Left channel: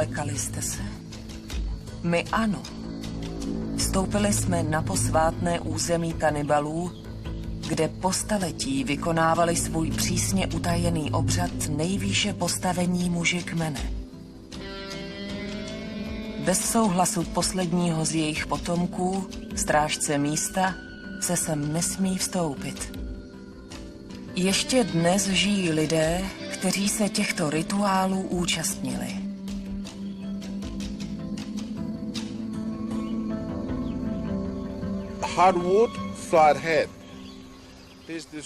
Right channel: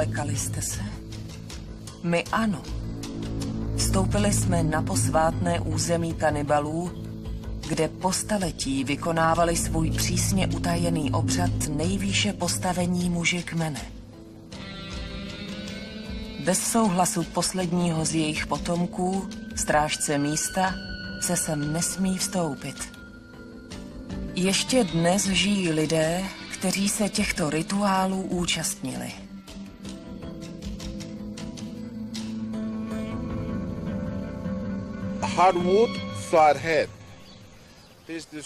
Vylekali jste se? My ano. Vstoupili jsme na posvátné území kanibalů, kde po staletí vykonávali svůj přísně utajený obřad nejvýše postavení muži kmene. Bez souhlasu posledního z jejich potomků, strážce místa, se sem nesmí vstoupit. Ještě dnes žijí lidé, kteří se těchto rituálů účastnili.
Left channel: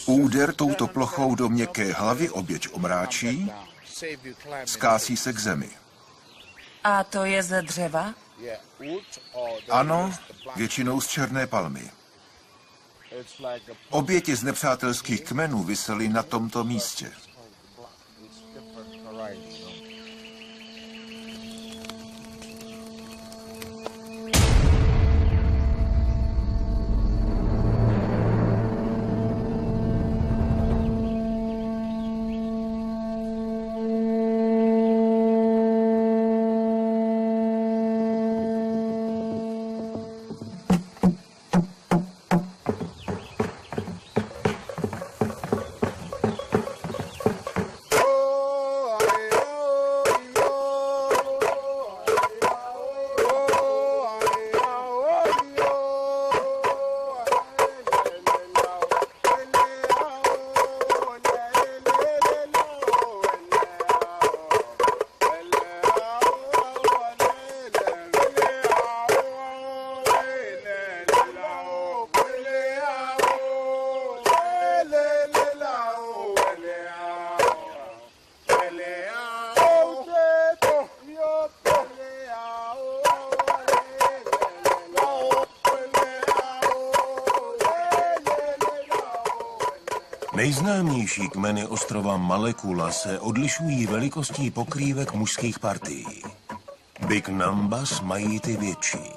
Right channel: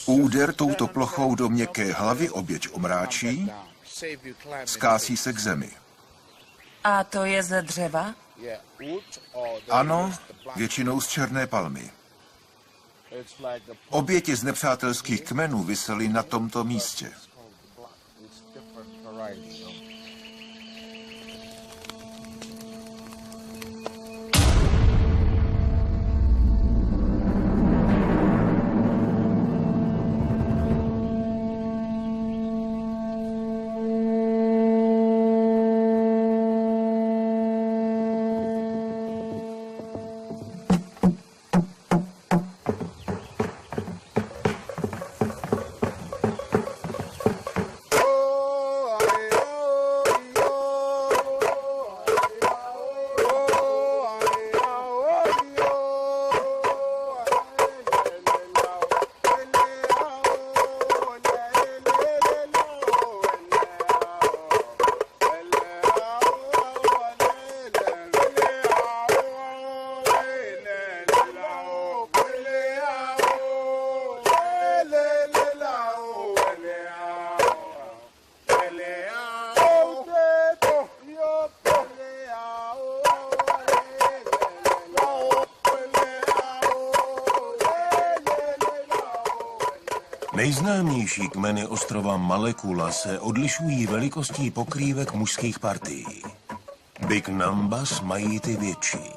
Úder touto plochou do měkké hlavy oběť omráčí, skásí se k zemi. A to je ze dřeva? Ano, většinou z černé palmy. Oběti z nepřátelských kmenů visely na tomto místě. Nejznámější kmeny ostrova Malekula se odlišují velikostí pokrývek mužských partií. Big Numbers mají ty větší.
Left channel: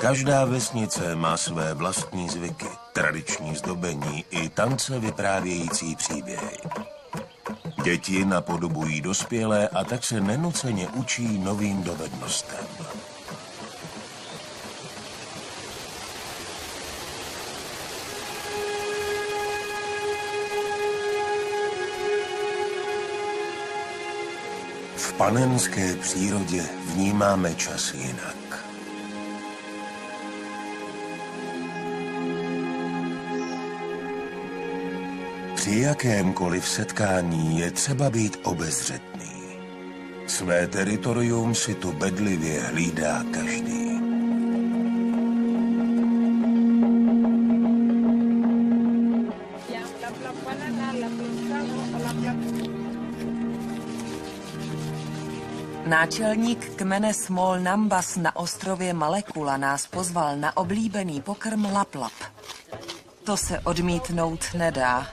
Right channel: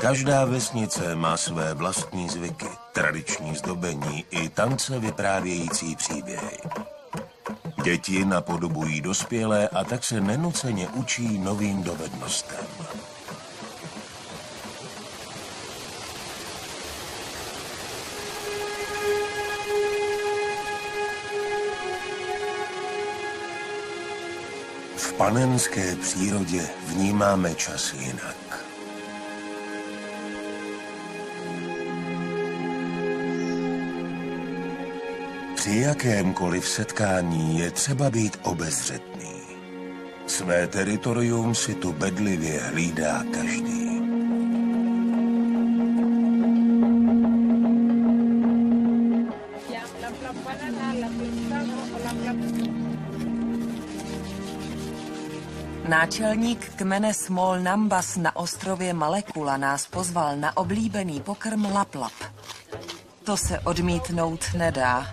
Každá vesnice má své vlastní zvyky, tradiční zdobení i tance vyprávějící příběhy. Děti napodobují dospělé a tak se nenuceně učí novým dovednostem. V panenské přírodě vnímáme čas jinak. Při jakémkoliv setkání je třeba být obezřetný. Své teritorium si tu bedlivě hlídá každý. Náčelník kmene Small Numbers na ostrově Malekula nás pozval na oblíbený pokrm laplap. To se odmítnout nedá.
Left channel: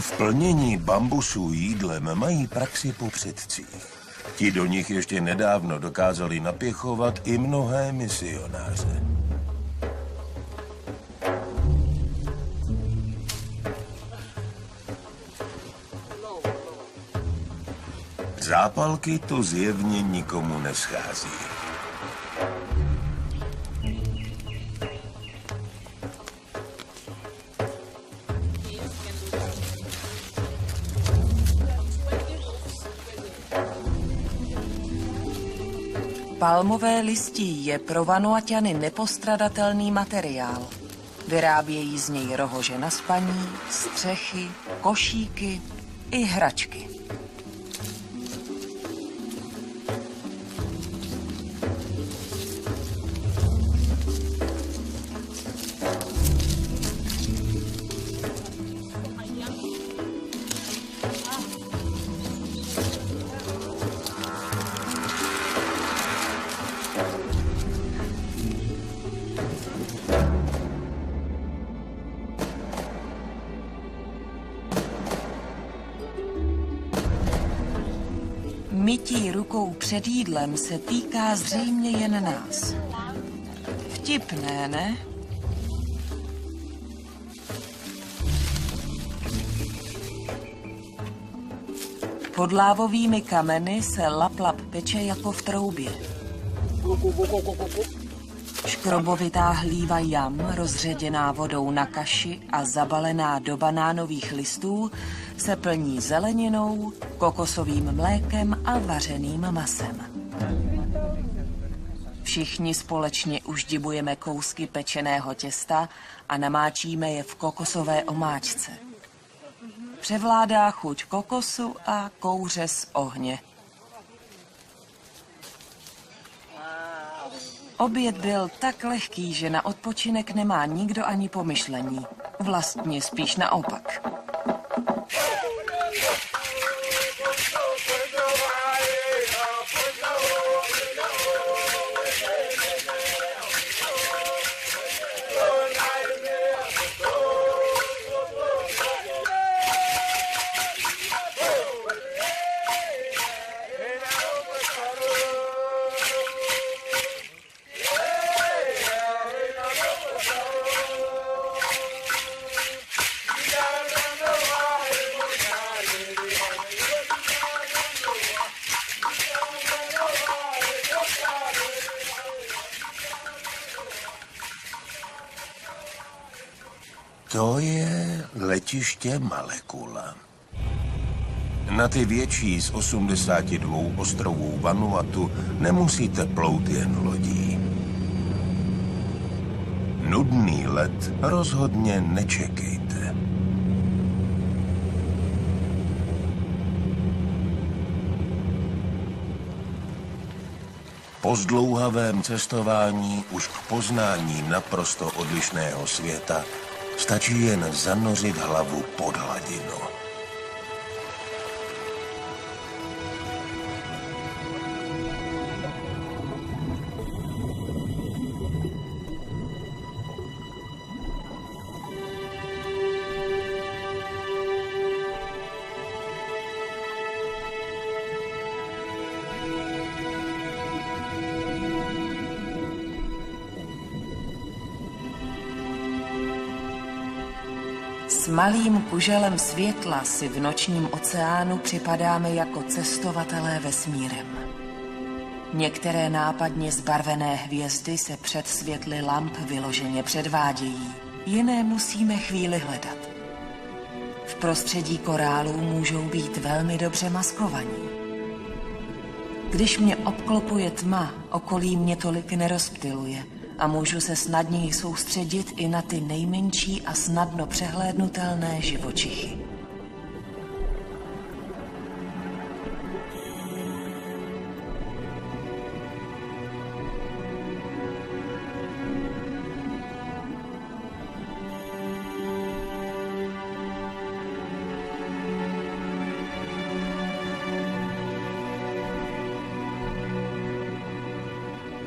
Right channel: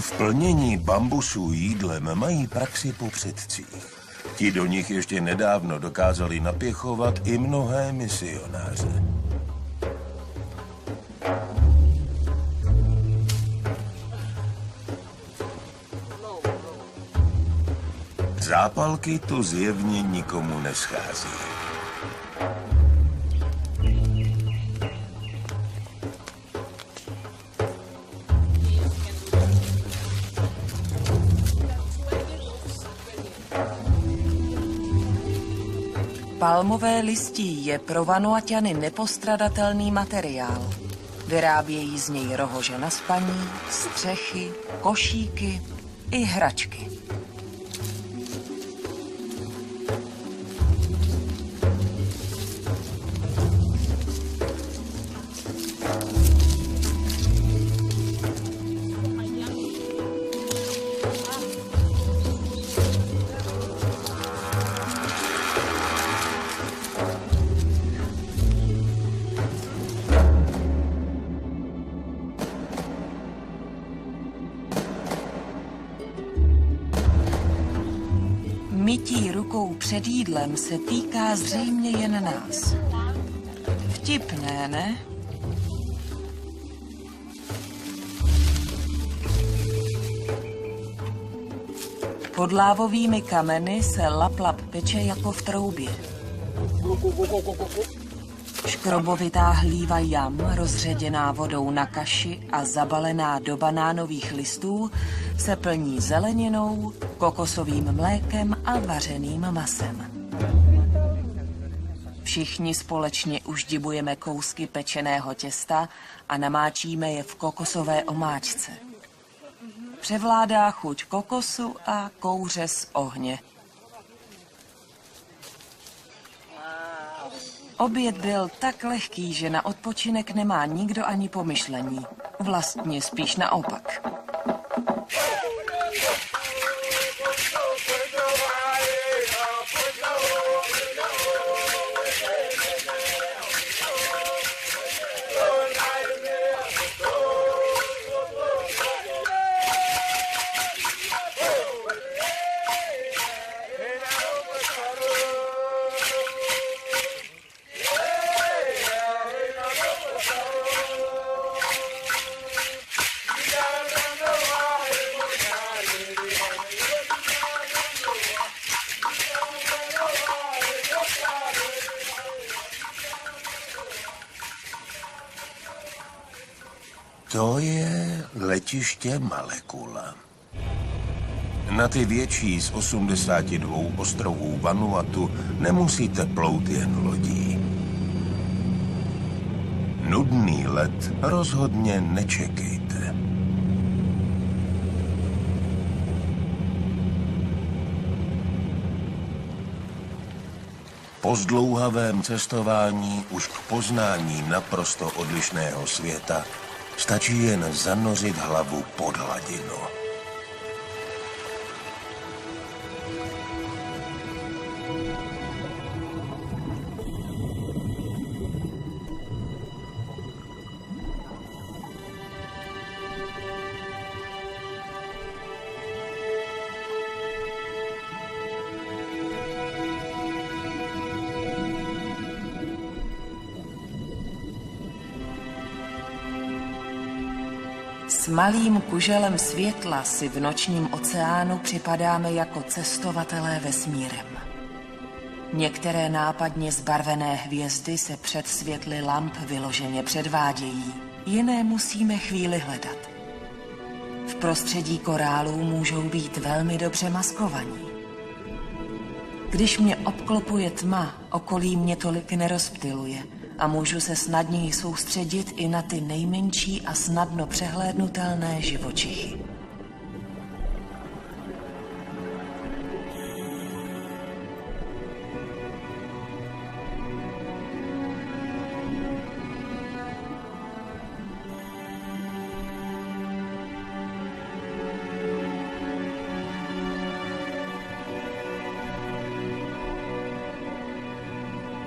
V plnění bambusů jídlem mají praxi po předcích. Ti do nich ještě nedávno dokázali napěchovat i mnohé misionáře. Zápalky to zjevně nikomu neschází. Palmové listí je pro Vanuaťany nepostradatelný materiál. Vyrábějí z něj rohože na spaní, střechy, košíky i hračky. Mytí rukou před jídlem se týká zřejmě jen nás. Vtipné, ne? Pod lávovými kameny se laplap peče jako v troubě. Škrobovitá hlíva jam, rozředěná vodou na kaši a zabalená do banánových listů, se plní zeleninou, kokosovým mlékem a vařeným masem. Všichni společně uždibujeme kousky pečeného těsta a namáčíme je v kokosové omáčce. Převládá chuť kokosu a kouře z ohně. Oběd byl tak lehký, že na odpočinek nemá nikdo ani pomyšlení. Vlastně spíš naopak. To je letiště Malekula. Na ty větší z 82 ostrovů Vanuatu nemusíte plout jen lodí. Nudný let rozhodně nečekejte. Po zdlouhavém cestování už k poznání naprosto odlišného světa stačí jen zanořit hlavu pod hladinu. S malým kuželem světla si v nočním oceánu připadáme jako cestovatelé vesmírem. Některé nápadně zbarvené hvězdy se před světly lamp vyloženě předvádějí, jiné musíme chvíli hledat. V prostředí korálů můžou být velmi dobře maskovaní. Když mě obklopuje tma, okolí mě tolik nerozptyluje a můžu se snadněji soustředit i na ty nejmenší a snadno přehlédnutelné živočichy.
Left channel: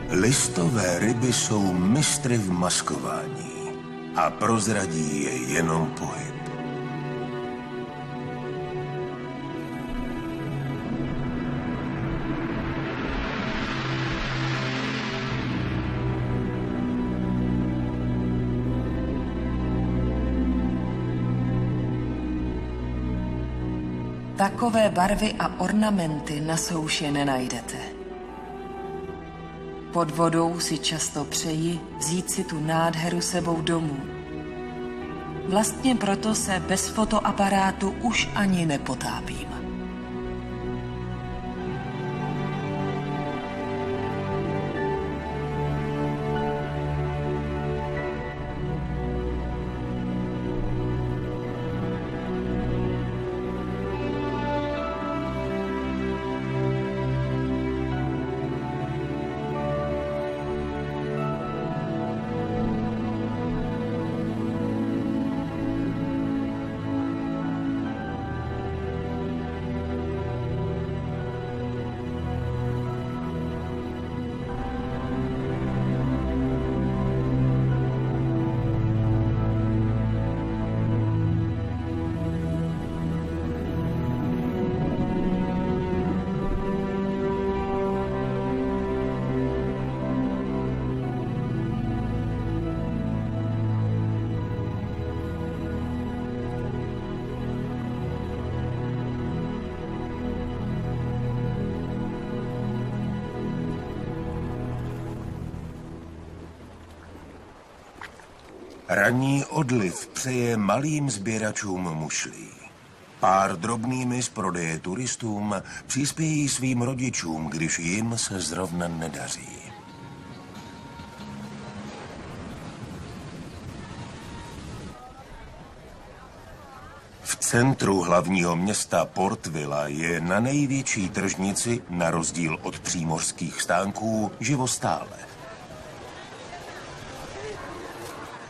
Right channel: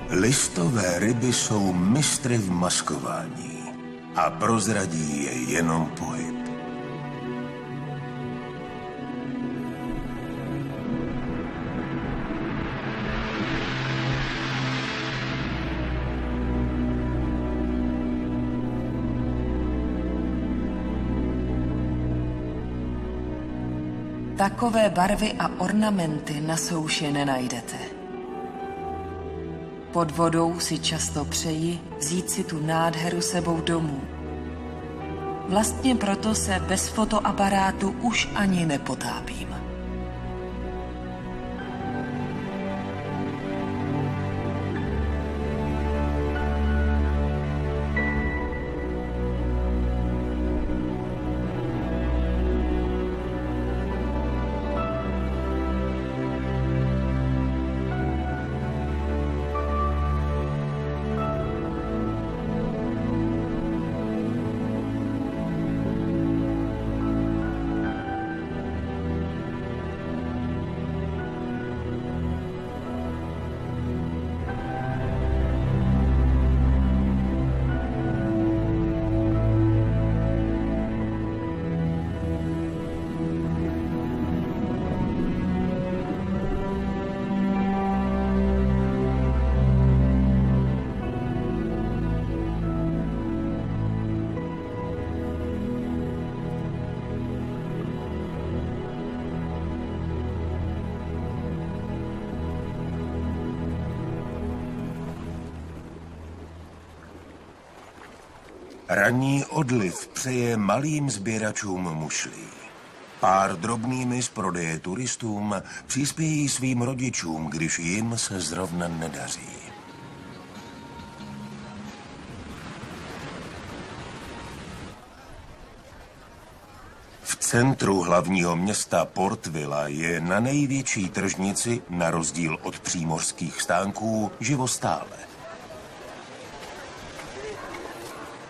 Listové ryby jsou mistry v maskování a prozradí je jenom pohyb. Takové barvy a ornamenty na souši nenajdete. Pod vodou si často přeji vzít si tu nádheru sebou domů. Vlastně proto se bez fotoaparátu už ani nepotápím. Ranní odliv přeje malým sběračům mušlí. Pár drobnými z prodeje turistům přispějí svým rodičům, když jim se zrovna nedaří. V centru hlavního města Port Vila je na největší tržnici, na rozdíl od přímořských stánků, živostále.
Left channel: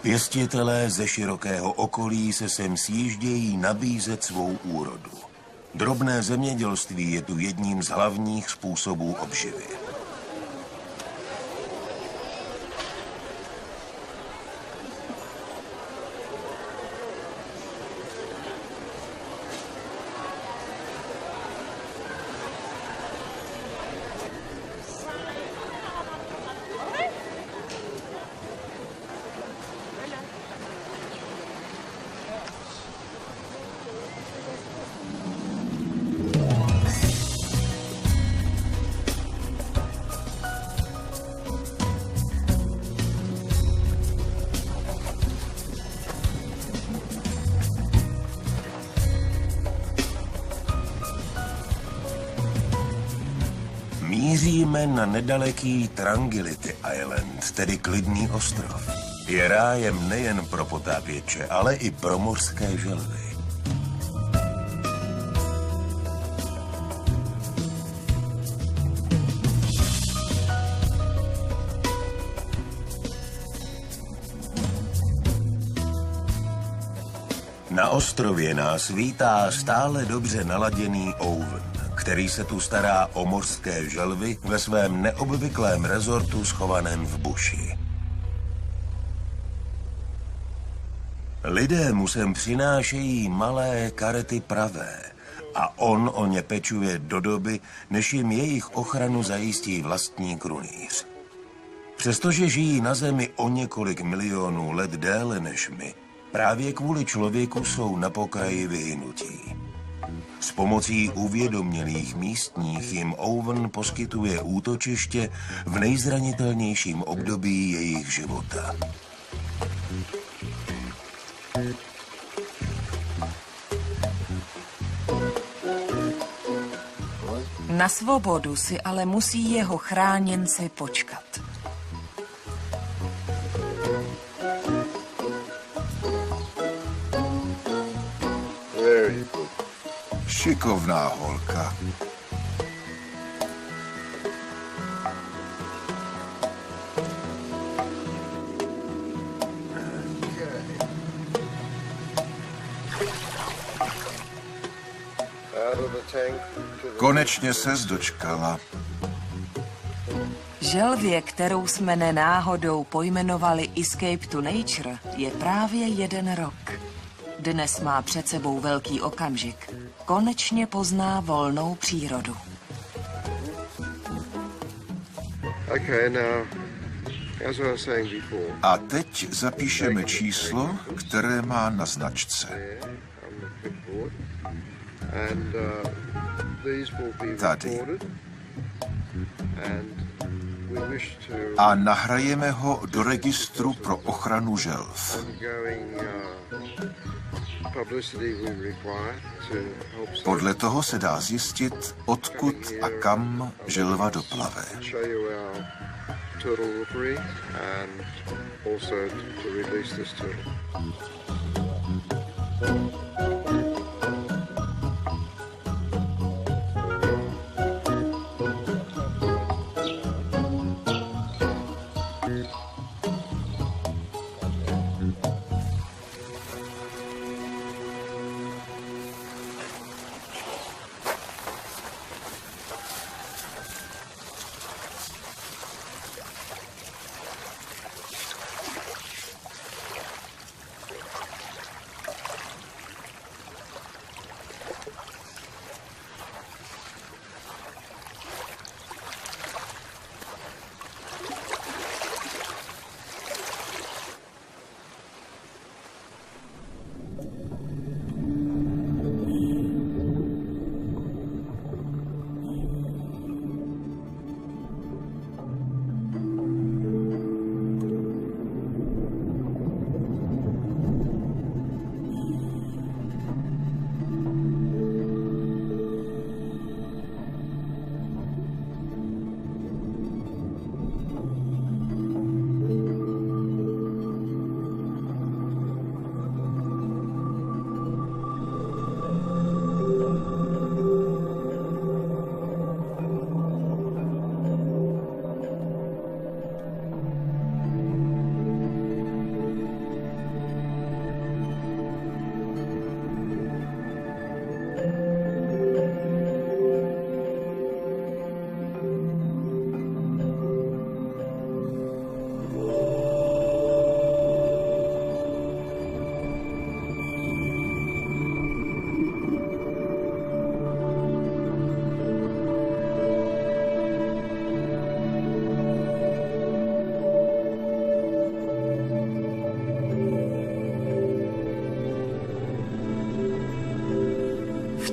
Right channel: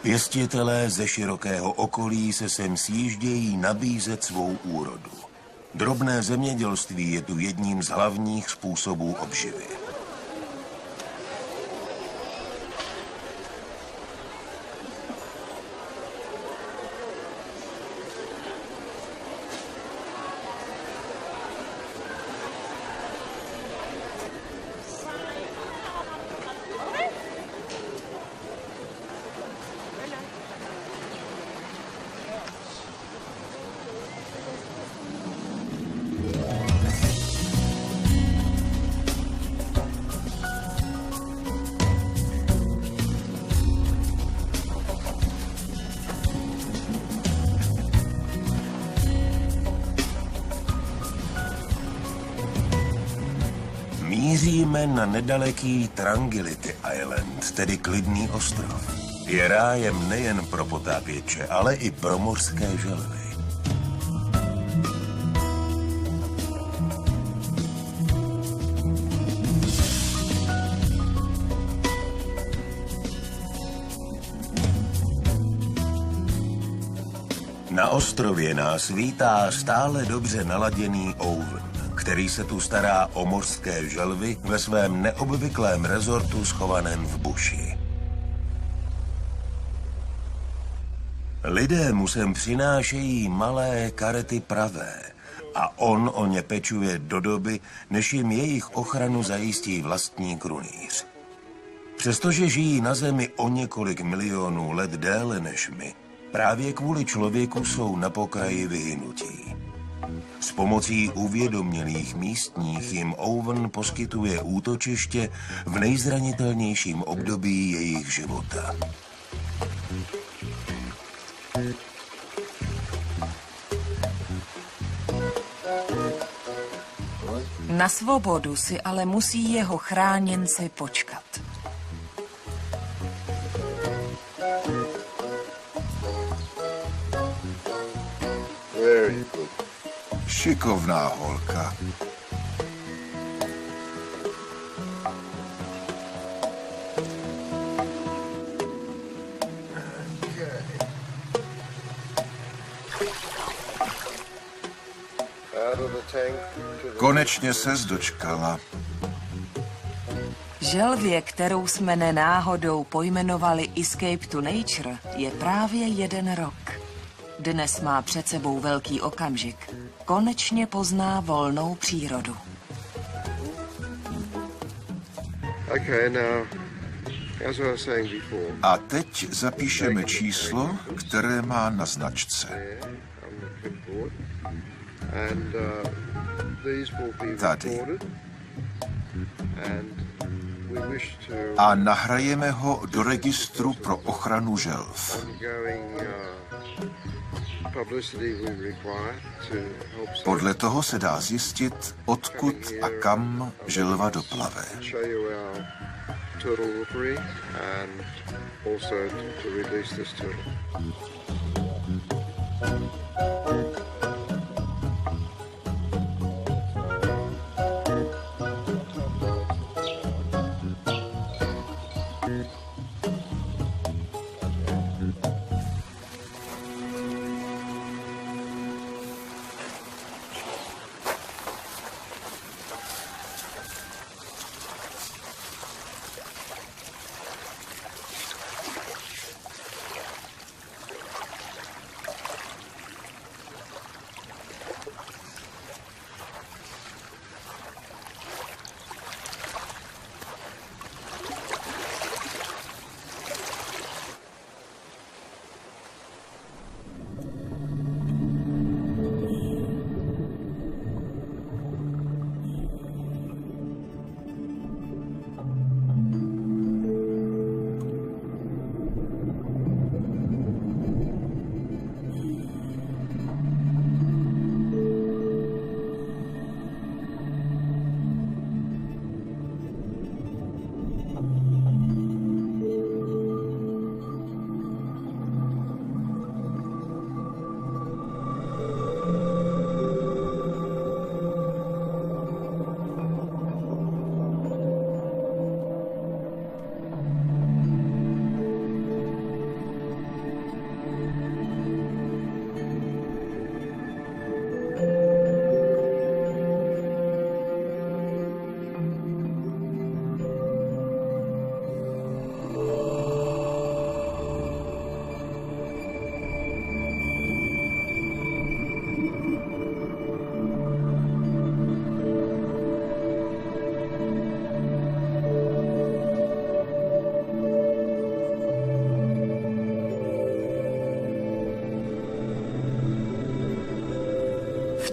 Pěstitelé ze širokého okolí se sem sjíždějí nabízet svou úrodu. Drobné zemědělství je tu jedním z hlavních způsobů obživy. Míříme na nedaleký Tranquility Island, tedy klidný ostrov. Je rájem nejen pro potápěče, ale i pro mořské želvy. Na ostrově nás vítá stále dobře naladěný Owen, který se tu stará o mořské želvy ve svém neobvyklém rezortu schovaném v buši. Lidé mu sem přinášejí malé karety pravé a on o ně pečuje do doby, než jim jejich ochranu zajistí vlastní krunýř. Přestože žijí na zemi o několik milionů let déle než my, právě kvůli člověku jsou na pokraji vyhynutí. S pomocí uvědomělých místních jim Owen poskytuje útočiště v nejzranitelnějším období jejich života. Na svobodu si ale musí jeho chráněnci počkat. Šikovná holka. Konečně ses dočkala. Želvě, kterou jsme nenáhodou pojmenovali Escape to Nature, je právě 1 rok. Dnes má před sebou velký okamžik. Konečně pozná volnou přírodu. A teď zapíšeme číslo, které má na značce. Tady. A nahrajeme ho do registru pro ochranu želv. Podle toho se dá zjistit, odkud a kam želva doplave.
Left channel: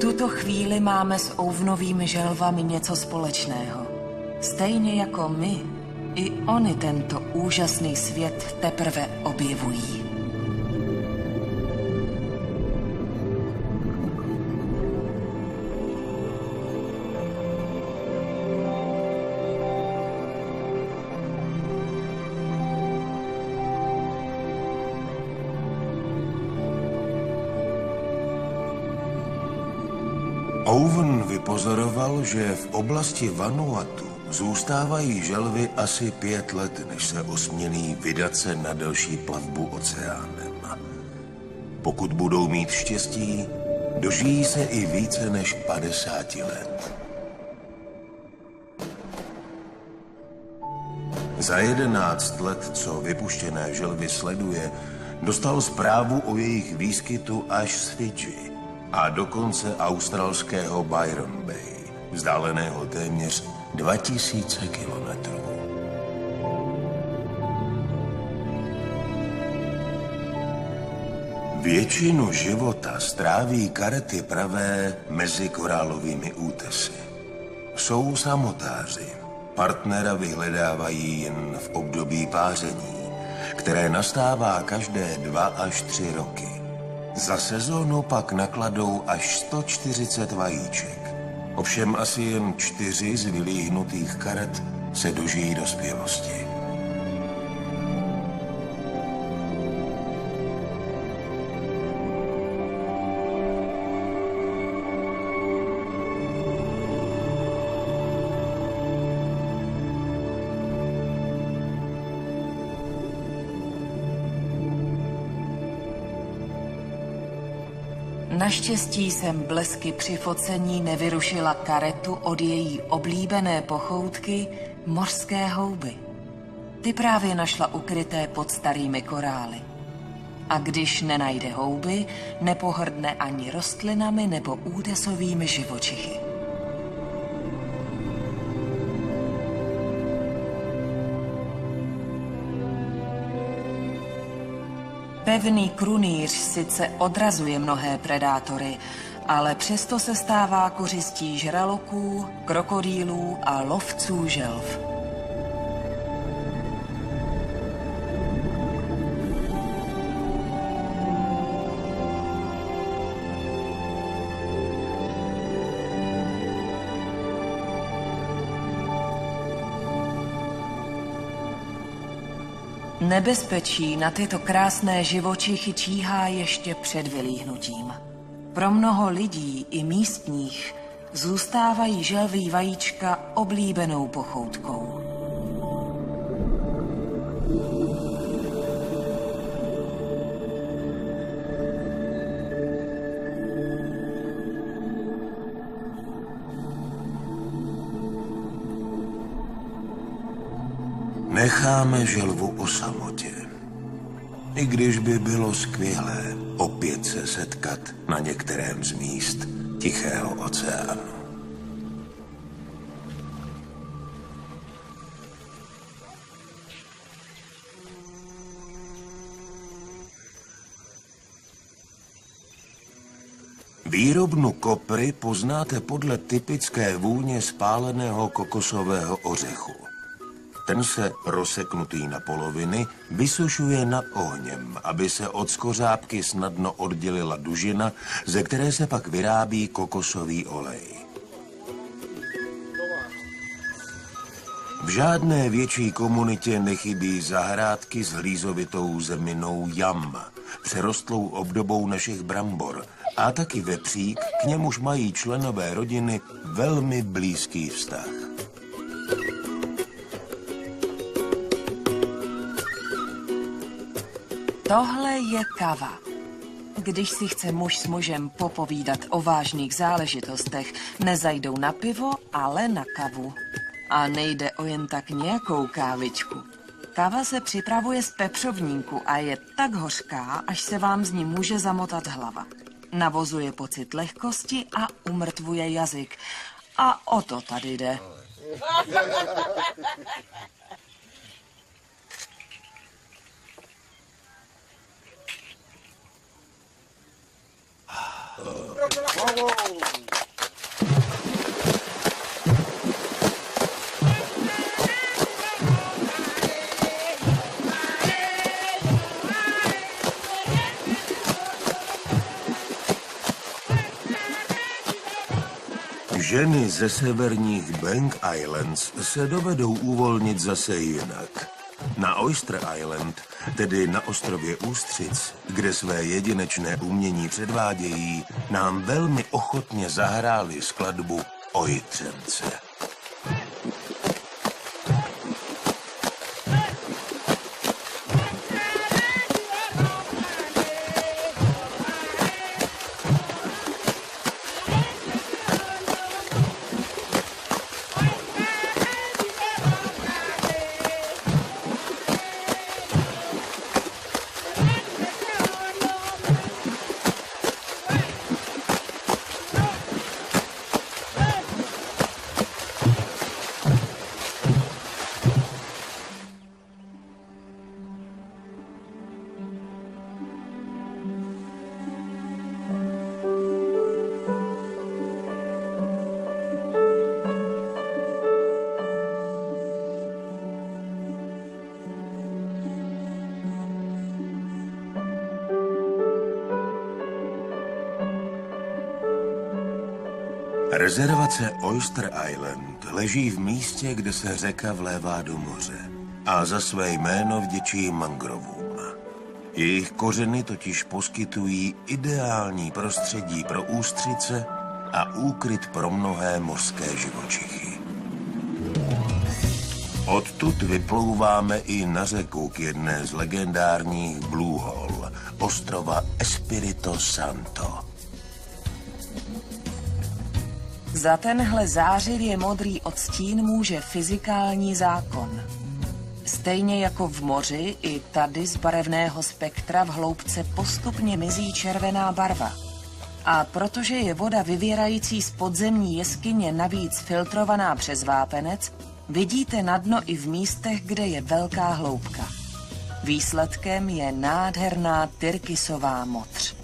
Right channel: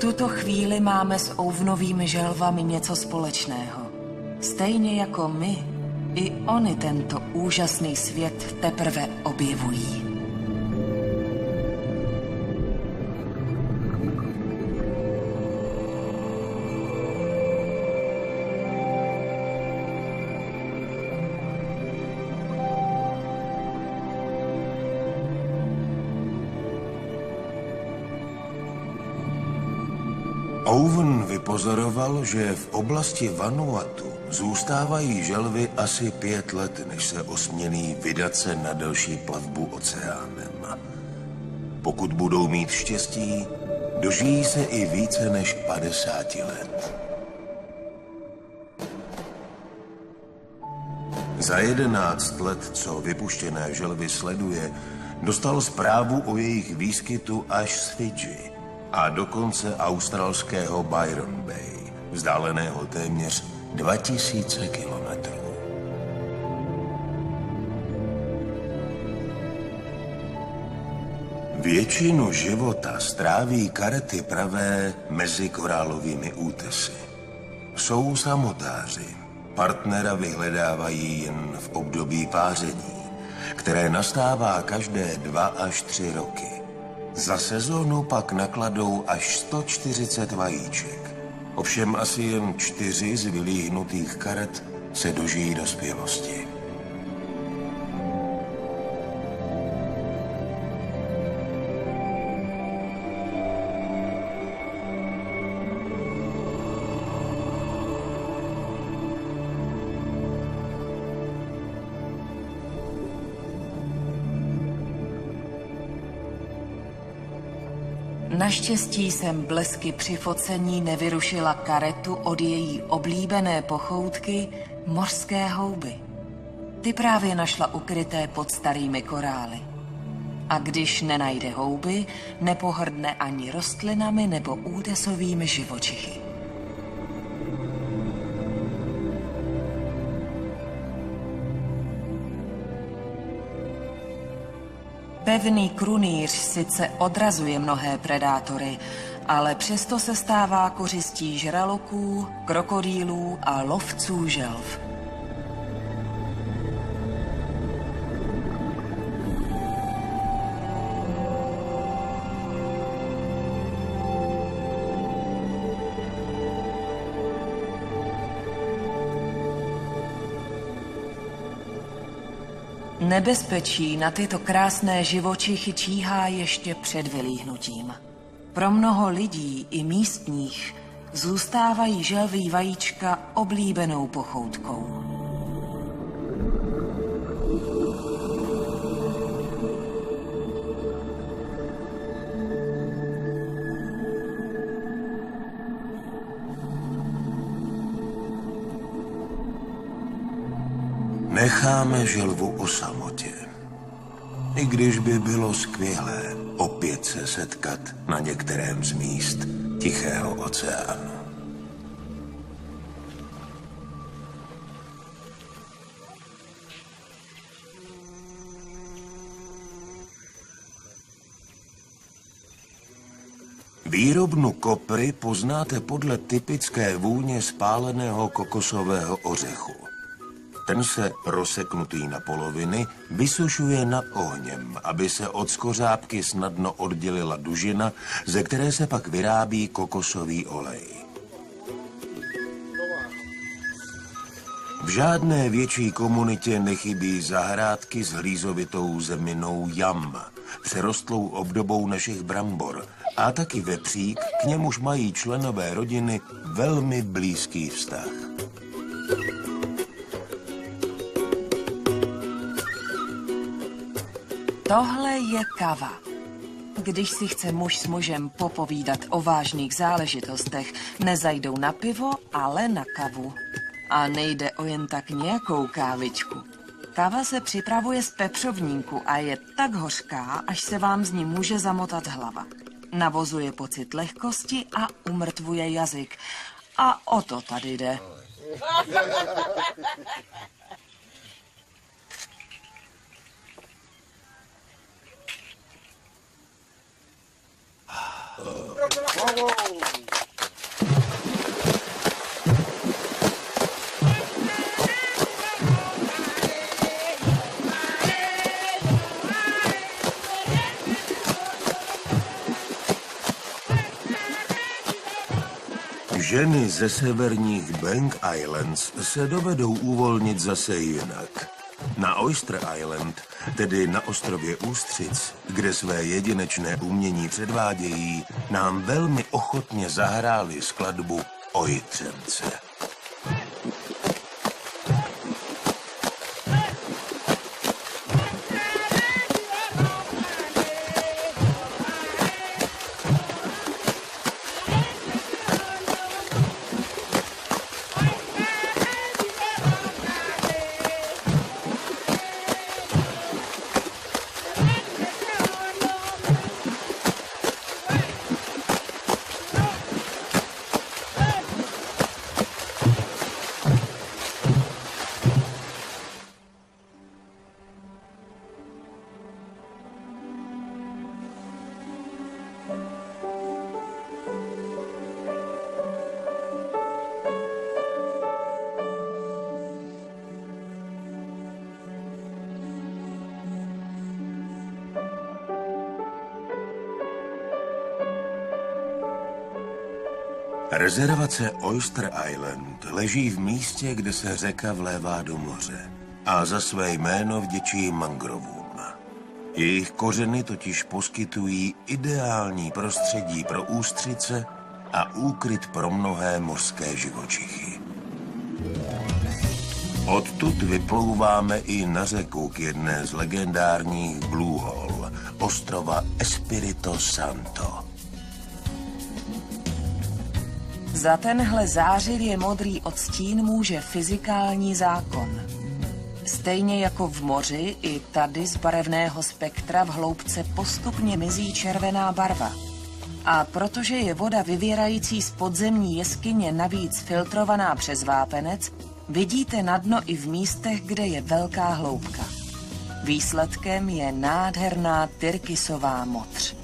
tuto chvíli máme s ouvnovými želvami něco společného. Stejně jako my, i oni tento úžasný svět teprve objevují. Owen vypozoroval, že v oblasti Vanuatu zůstávají želvy asi 5 let, než se osmělí vydat se na delší plavbu oceánem. Pokud budou mít štěstí, dožijí se i více než 50 let. Za 11 let, co vypuštěné želvy sleduje, dostal zprávu o jejich výskytu až z Fidži a dokonce australského Byron Bay, vzdáleného téměř 2000 kilometrů. Většinu života stráví karety pravé mezi korálovými útesy. Jsou samotáři. Partnera vyhledávají jen v období páření, které nastává každé 2 až 3 roky. Za sezónu pak nakladou až 140 vajíček. Ovšem asi jen 4 z vylíhnutých karet se dožijí dospělosti. Naštěstí jsem blesky při focení nevyrušila karetu od její oblíbené pochoutky mořské houby. Ty právě našla ukryté pod starými korály. A když nenajde houby, nepohrdne ani rostlinami nebo údesovými živočichy. Pevný krunýř sice odrazuje mnohé predátory, ale přesto se stává kořistí žraloků, krokodýlů a lovců želv. Nebezpečí na tyto krásné živočichy číhá ještě před vylíhnutím. Pro mnoho lidí i místních zůstávají želví vajíčka oblíbenou pochoutkou. Necháme želvu o samotě. I když by bylo skvělé opět se setkat na některém z míst Tichého oceánu. Výrobnu kopry poznáte podle typické vůně spáleného kokosového ořechu. Ten se, rozseknutý na poloviny, vysušuje nad ohněm, aby se od skořápky snadno oddělila dužina, ze které se pak vyrábí kokosový olej. V žádné větší komunitě nechybí zahrádky s hlízovitou zeminou jam, přerostlou obdobou našich brambor, a taky vepřík, k němuž mají členové rodiny velmi blízký vztah. Tohle je kava. Když si chce muž s mužem popovídat o vážných záležitostech, nezajdou na pivo, ale na kavu. A nejde o jen tak nějakou kávičku. Kava se připravuje z pepřovníku a je tak hořká, až se vám z ní může zamotat hlava. Navozuje pocit lehkosti a umrtvuje jazyk. A o to tady jde. Ženy ze severních Bank Islands se dovedou uvolnit zase jinak. Na Oyster Island, tedy na ostrově Ústřic, kde své jedinečné umění předvádějí, nám velmi ochotně zahráli skladbu o Jitřence. Rezervace Oyster Island leží v místě, kde se řeka vlévá do moře a za své jméno vděčí mangrovům. Jejich kořeny totiž poskytují ideální prostředí pro ústřice a úkryt pro mnohé mořské živočichy. Odtud vyplouváme i na řeku k jedné z legendárních Blue Hole, ostrova Espirito Santo. Za tenhle zářivě modrý odstín může fyzikální zákon. Stejně jako v moři, i tady z barevného spektra v hloubce postupně mizí červená barva. A protože je voda vyvěrající z podzemní jeskyně navíc filtrovaná přes vápenec, vidíte na dno i v místech, kde je velká hloubka. Výsledkem je nádherná tyrkysová modř.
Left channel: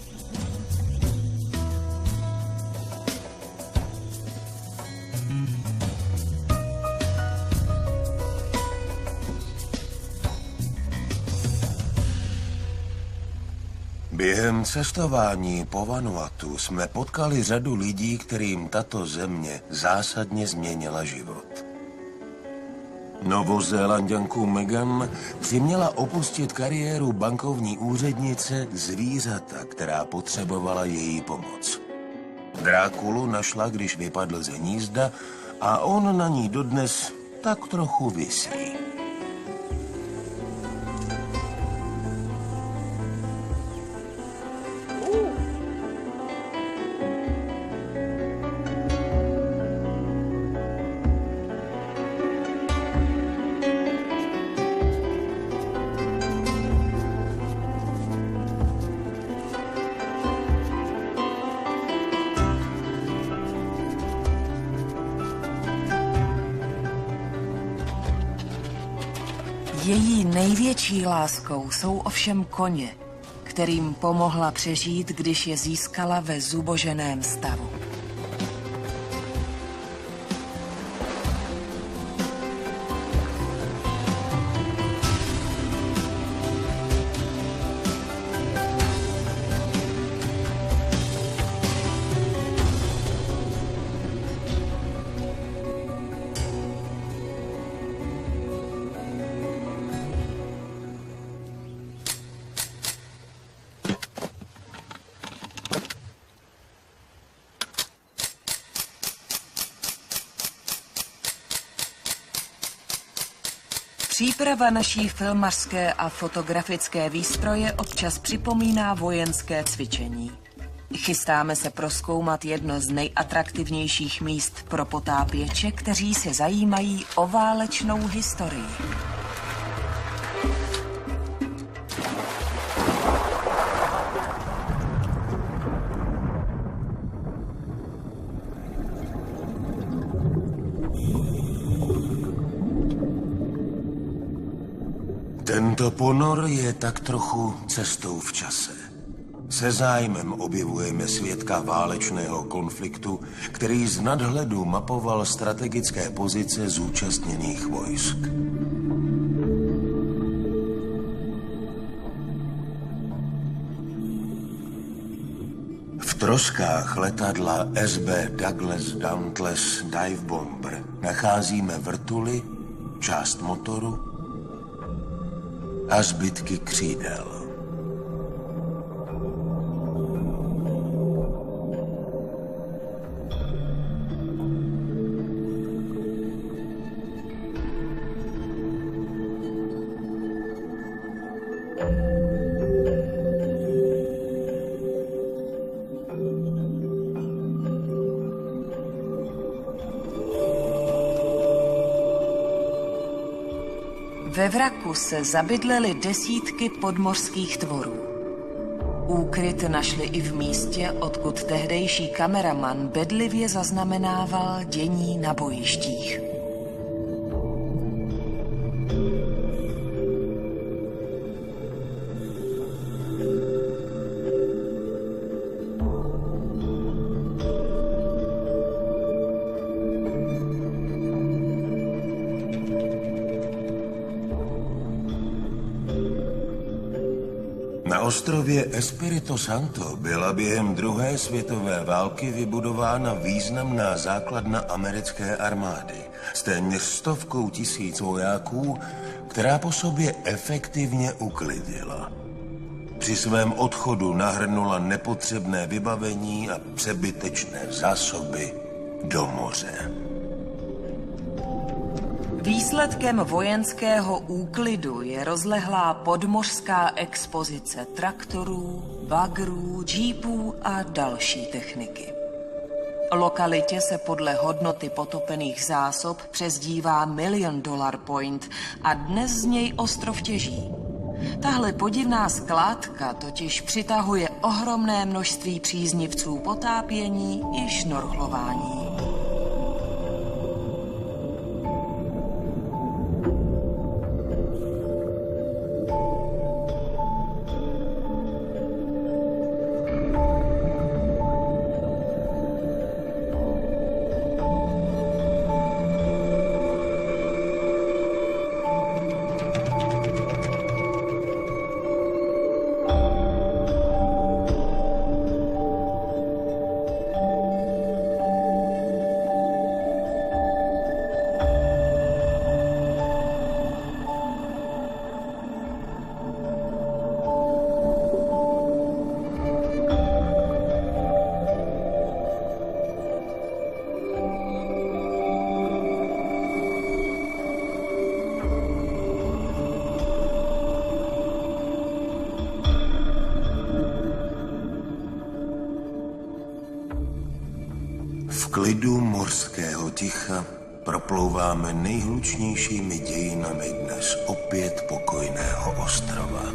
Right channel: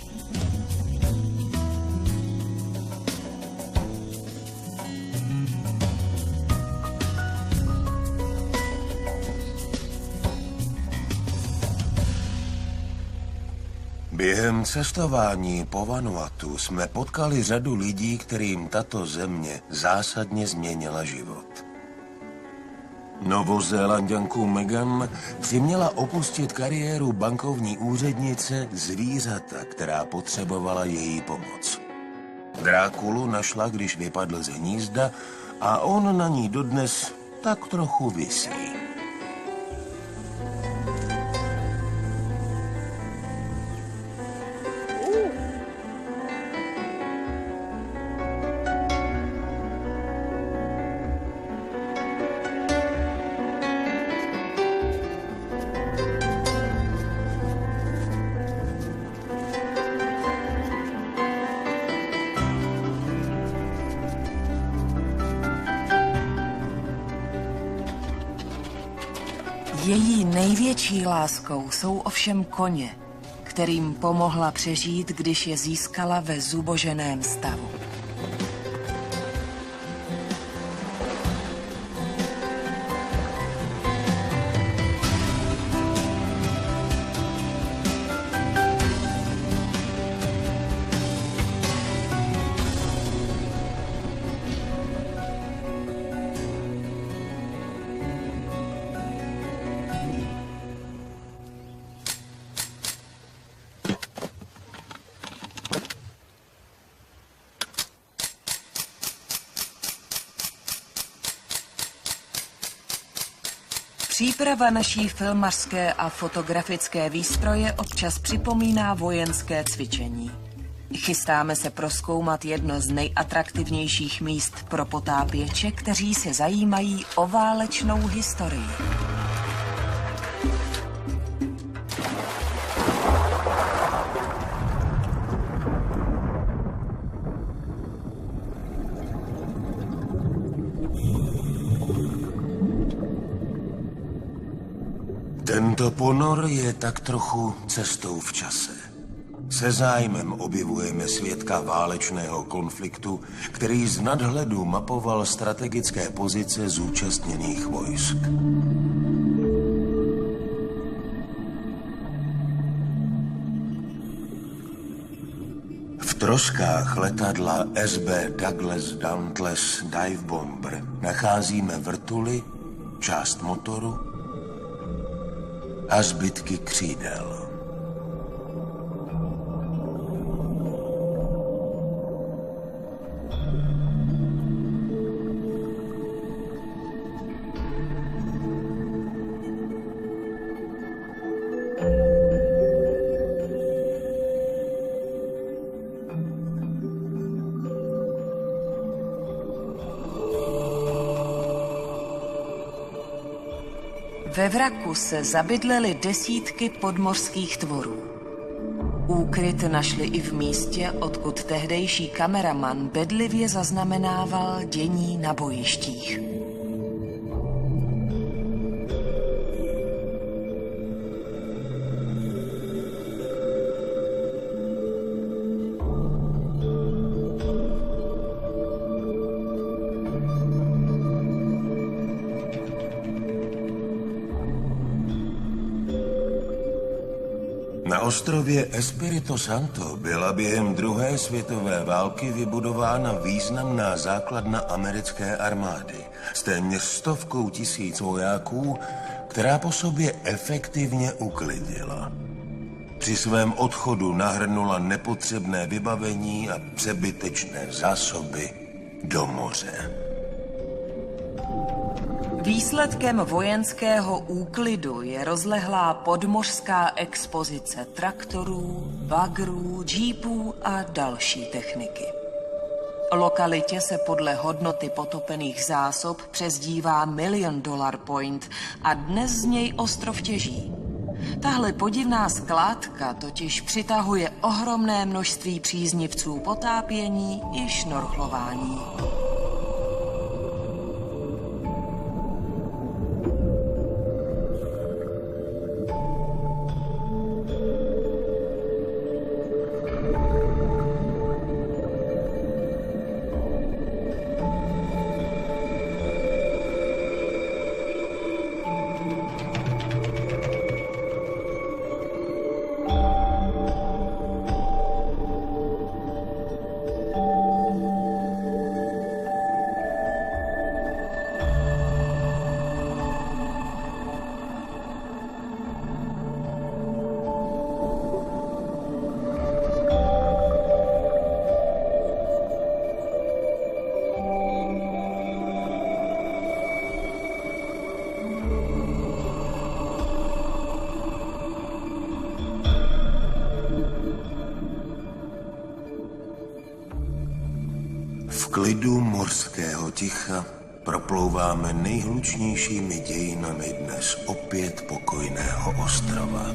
Během cestování po Vanuatu jsme potkali řadu lidí, kterým tato země zásadně změnila život. Novozélanďanku Megan přiměla opustit kariéru bankovní úřednice zvířata, která potřebovala její pomoc. Drákulu našla, když vypadl z hnízda a on na ní dodnes tak trochu visí. Její největší láskou jsou ovšem koně, kterým pomohla přežít, když je získala ve zuboženém stavu. Příprava naší filmařské a fotografické výstroje občas připomíná vojenské cvičení. Chystáme se prozkoumat jedno z nejatraktivnějších míst pro potápěče, kteří se zajímají o válečnou historii. Tento ponor je tak trochu cestou v čase. Se zájmem objevujeme svědka válečného konfliktu, který z nadhledu mapoval strategické pozice zúčastněných vojsk. V troskách letadla SB Douglas Dauntless Dive Bomber nacházíme vrtuly, část motoru a zbytky křídel. Ve vraku se zabydlely desítky podmořských tvorů. Úkryt našli i v místě, odkud tehdejší kameraman bedlivě zaznamenával dění na bojištích. Na ostrově Espírito Santo byla během druhé světové války vybudována významná základna americké armády s téměř 100 000 vojáků, která po sobě efektivně uklidila. Při svém odchodu nahrnula nepotřebné vybavení a přebytečné zásoby do moře. Výsledkem vojenského úklidu je rozlehlá podmořská expozice traktorů, bagrů, džípů a další techniky. Lokalitě se podle hodnoty potopených zásob přezdívá $1 Million Point a dnes z něj ostrov těží. Tahle podivná skládka totiž přitahuje ohromné množství příznivců potápění i šnorchlování. V klidu mořského ticha proplouváme nejhlučnějšími dějinami dnes opět pokojného ostrova.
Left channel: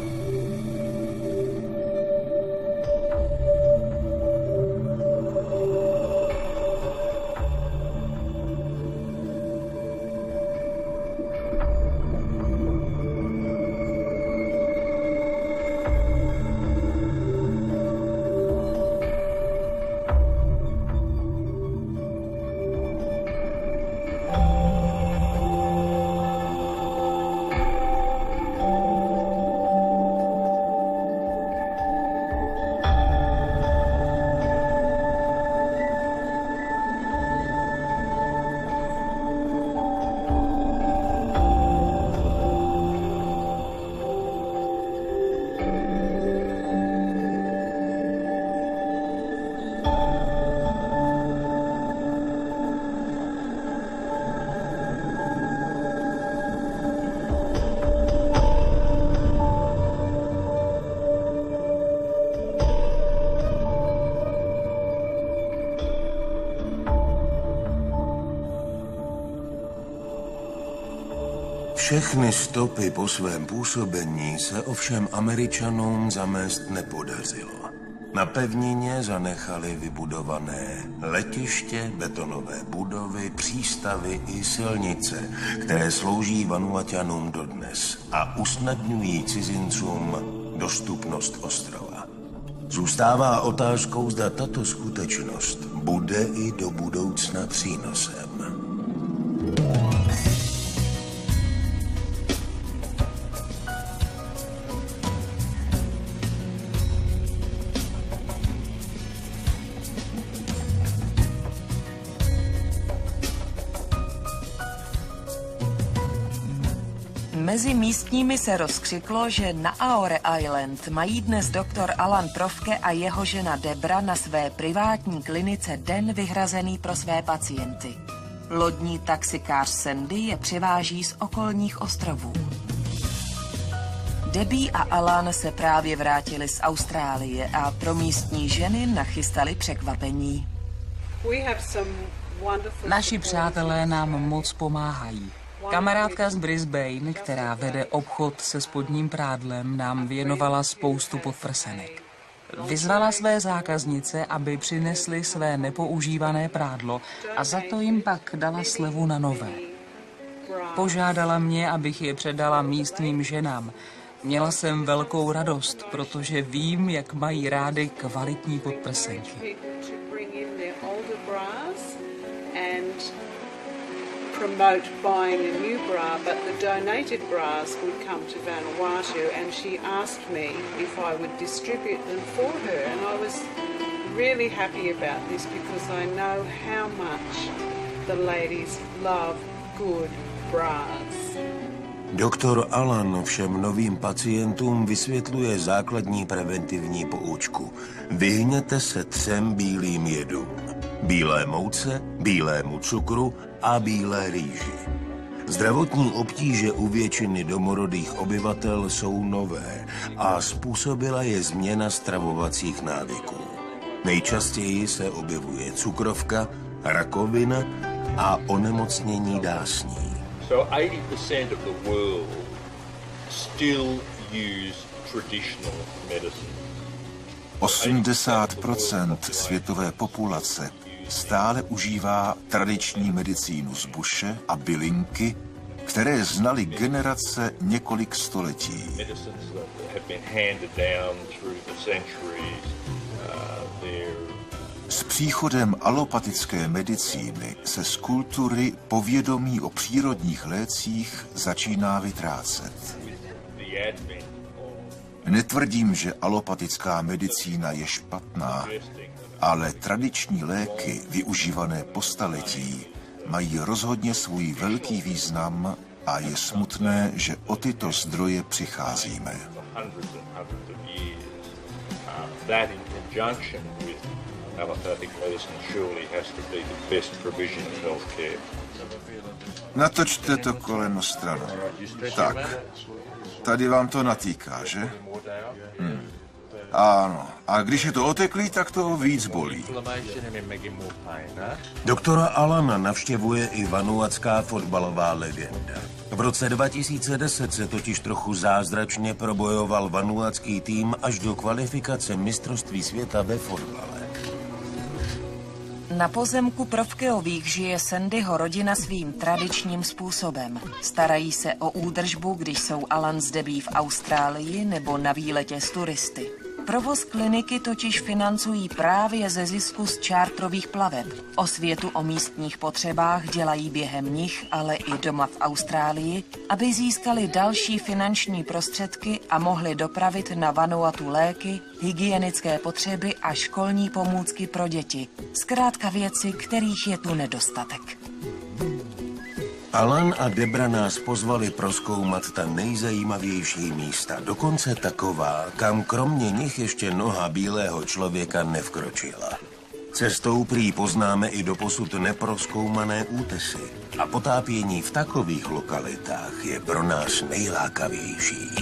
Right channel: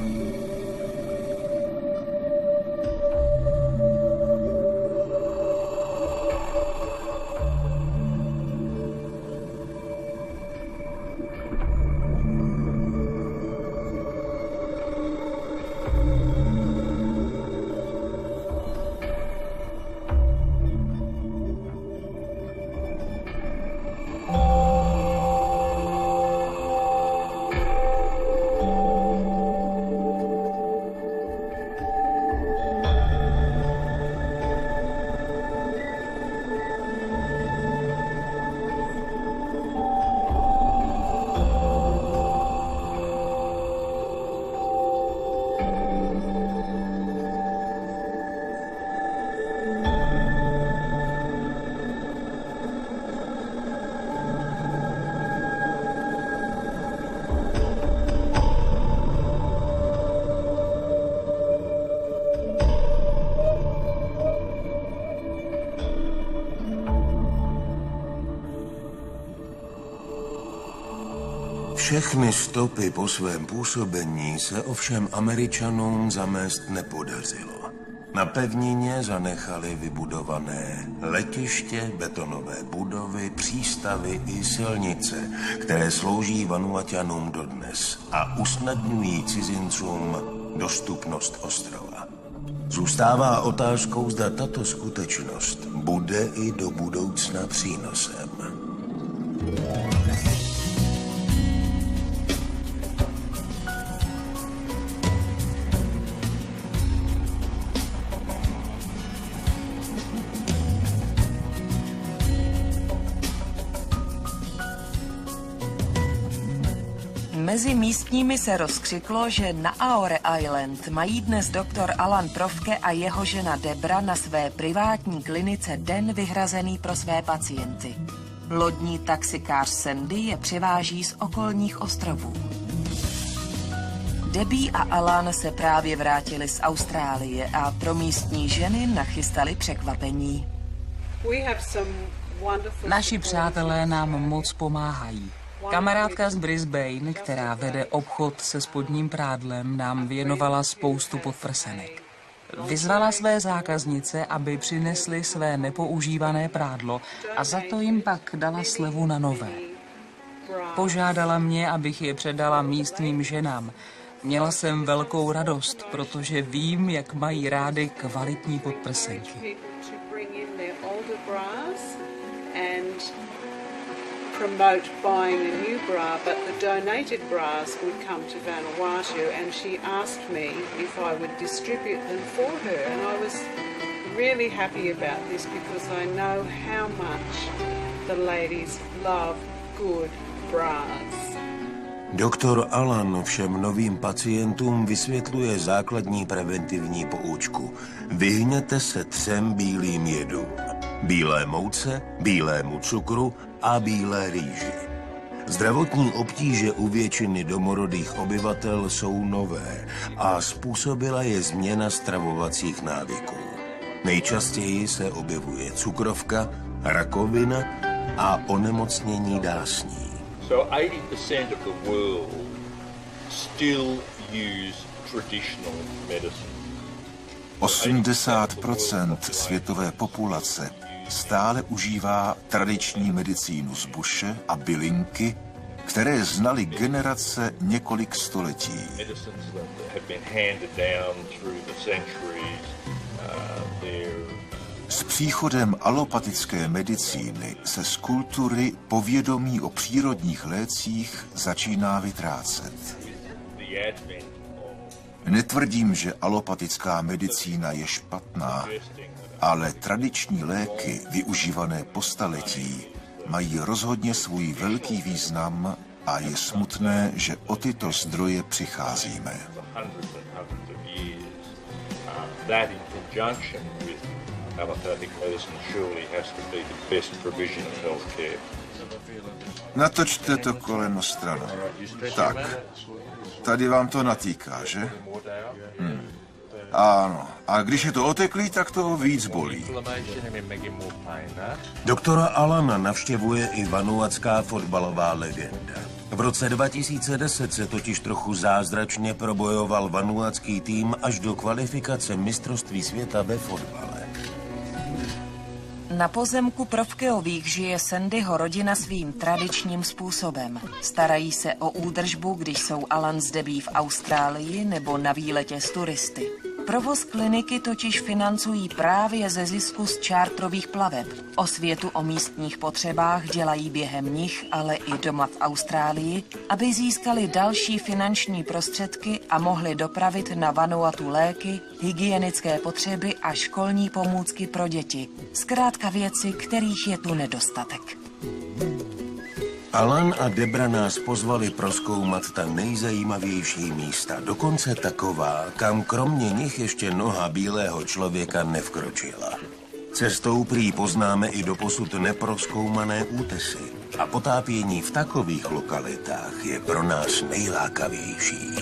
Všechny stopy po svém působení se ovšem Američanům zamést nepodařilo. Na pevnině zanechali vybudované letiště, betonové budovy, přístavy i silnice, které slouží Vanuaťanům dodnes a usnadňují cizincům dostupnost ostrova. Zůstává otázkou, zda tato skutečnost bude i do budoucna přínosem. Mezi místními se rozkřiklo, že na Aore Island mají dnes doktor Alan Profke a jeho žena Debra na své privátní klinice den vyhrazený pro své pacienty. Lodní taxikář Sandy je přiváží z okolních ostrovů. Debbie a Alan se právě vrátili z Austrálie a pro místní ženy nachystali překvapení. Naši přátelé nám moc pomáhají. Kamarádka z Brisbane, která vede obchod se spodním prádlem, nám věnovala spoustu podprsenek. Vyzvala své zákaznice, aby přinesly své nepoužívané prádlo a za to jim pak dala slevu na nové. Požádala mě, abych je předala místním ženám. Měla jsem velkou radost, protože vím, jak mají rády kvalitní podprsenky. Promote buying a new bra, but the donated bras would come to Vanuatu, and she asked me if I would distribute them for her, and I was really happy about this because I know how much the ladies love good bras. Doktor Alan všem novým pacientům vysvětluje základní preventivní poučku. Vyhněte se 3 bílým jedům. Bílé mouce, bílému cukru a bílé rýži. Zdravotní obtíže u většiny domorodých obyvatel jsou nové a způsobila je změna stravovacích návyků. Nejčastěji se objevuje cukrovka, rakovina a onemocnění dásní. So 80% of the world still use traditional medicine. 80% světové populace stále užívá tradiční medicínu z buše a bylinky, které znaly generace několik století. S příchodem alopatické medicíny se z kultury povědomí o přírodních lécích začíná vytrácet. Netvrdím, že alopatická medicína je špatná, ale tradiční léky, využívané po staletí, mají rozhodně svůj velký význam a je smutné, že o tyto zdroje přicházíme. Natočte to koleno stranou. Tak, tady vám to natýká, že? Ano, a když je to oteklý, tak to víc bolí. Doktora Alana navštěvuje i vanuatská fotbalová legenda. V roce 2010 se totiž trochu zázračně probojoval vanuatský tým až do kvalifikace mistrovství světa ve fotbale. Na pozemku Profkeových žije Sandyho rodina svým tradičním způsobem. Starají se o údržbu, když jsou Alan s Debbie v Austrálii nebo na výletě s turisty. Provoz kliniky totiž financují právě ze zisku z čártrových plaveb. Osvětu o místních potřebách dělají během nich, ale i doma v Austrálii, aby získali další finanční prostředky a mohli dopravit na Vanuatu léky, hygienické potřeby a školní pomůcky pro děti. Zkrátka věci, kterých je tu nedostatek. Alan a Debra nás pozvali prozkoumat ta nejzajímavější místa, dokonce taková, kam kromě nich ještě noha bílého člověka nevkročila. Cestou prý poznáme i doposud neprozkoumané útesy a potápění v takových lokalitách je pro nás nejlákavější.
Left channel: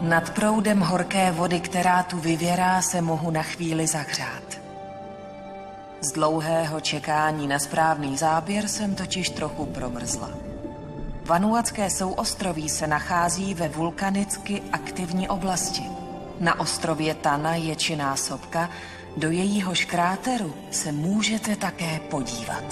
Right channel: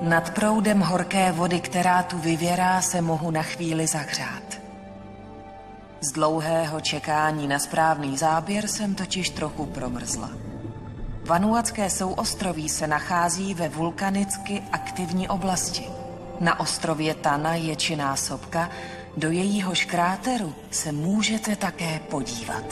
Nad proudem horké vody, která tu vyvěrá, se mohu na chvíli zahřát. Z dlouhého čekání na správný záběr jsem totiž trochu promrzla. Vanuatské souostroví se nachází ve vulkanicky aktivní oblasti. Na ostrově Tana je činná sopka, do jejíhož kráteru se můžete také podívat.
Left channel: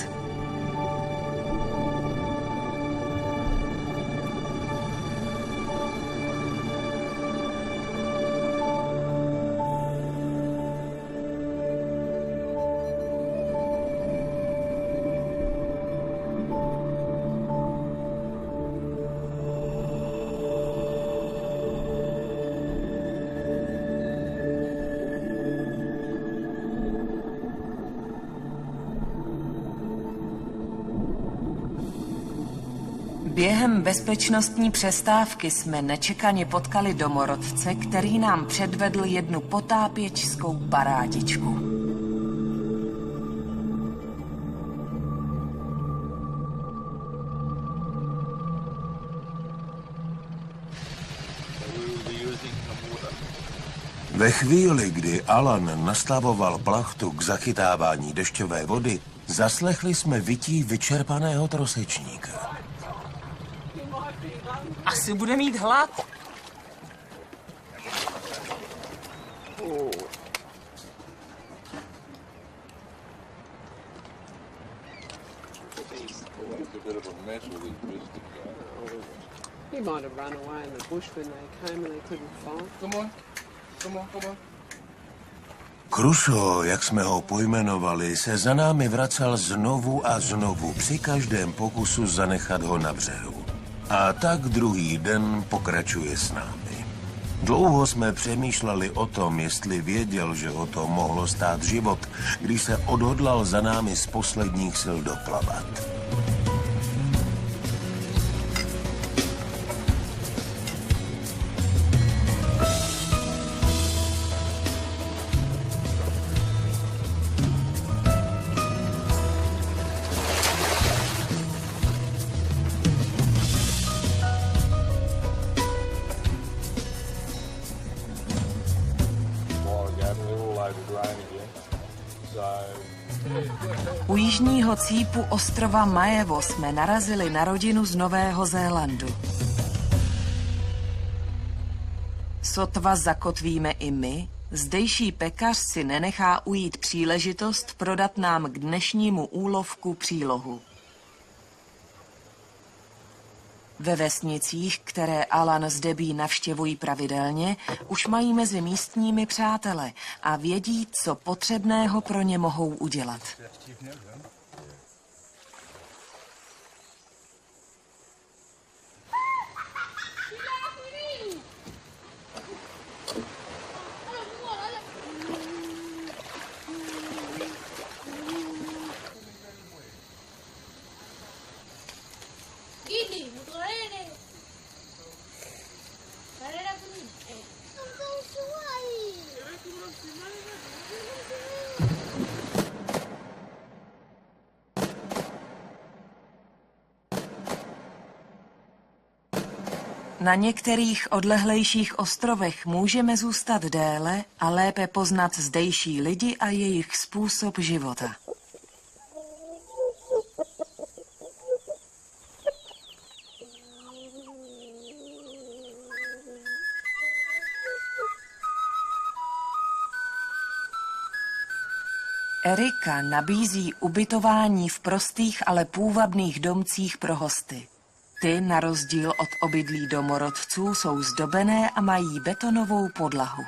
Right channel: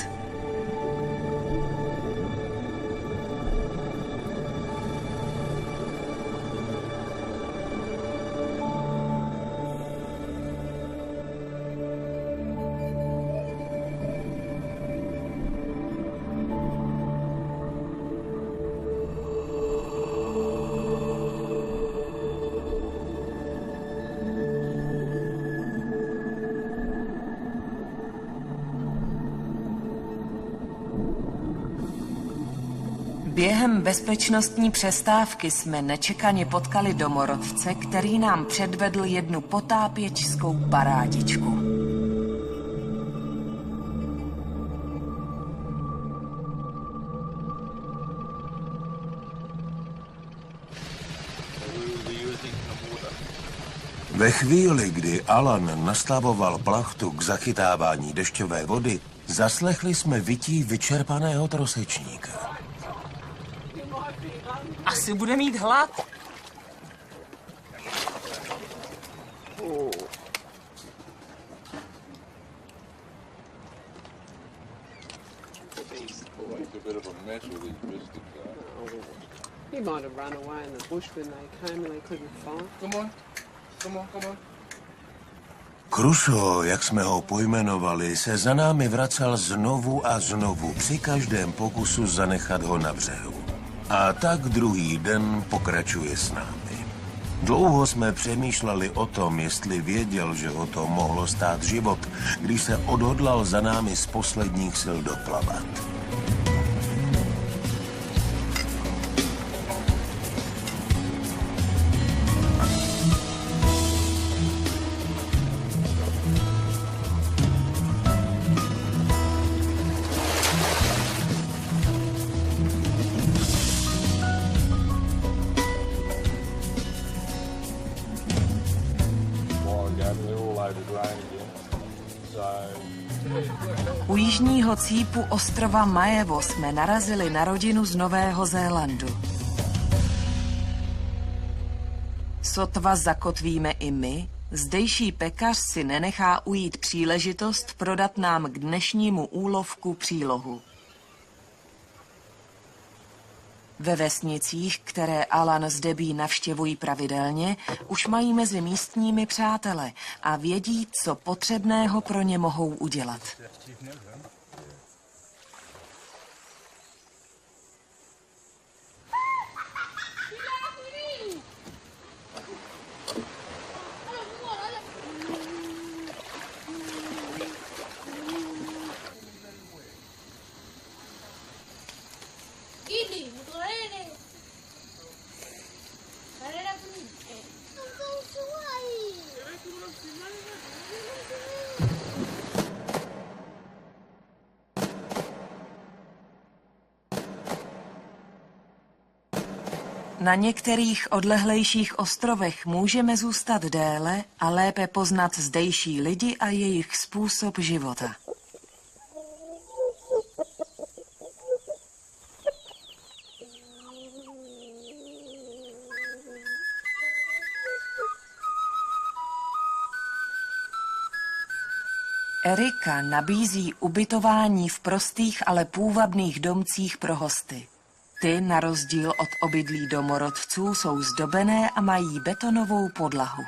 Během bezpečnostní přestávky jsme nečekaně potkali domorodce, který nám předvedl jednu potápěčskou parádičku. Ve chvíli, kdy Alan nastavoval plachtu k zachytávání dešťové vody, zaslechli jsme vytí vyčerpaného trosečníka. Asi bude mít hlad. He might have run away in the bush when they came and they couldn't find. Come on, come on, come on. Crusoe, jak jsme ho pojmenovali, se za námi vracel znovu a znovu při každém pokusu zanechat ho na břehu. A tak druhý den pokračuje s námi. Dlouho jsme přemýšleli o tom, jestli věděl, že ho to mohlo stát život, když se odhodlal za námi z posledních sil doplavat. U jižního cípu ostrova Maevo jsme narazili na rodinu z Nového Zélandu. Sotva zakotvíme i my, zdejší pekař si nenechá ujít příležitost prodat nám k dnešnímu úlovku přílohu. Ve vesnicích, které Alan s Debbie navštěvují pravidelně, už mají mezi místními přátele a vědí, co potřebného pro ně mohou udělat. Na některých odlehlejších ostrovech můžeme zůstat déle a lépe poznat zdejší lidi a jejich způsob života. Erika nabízí ubytování v prostých, ale půvabných domcích pro hosty. Ty, na rozdíl od obydlí domorodců, jsou zdobené a mají betonovou podlahu.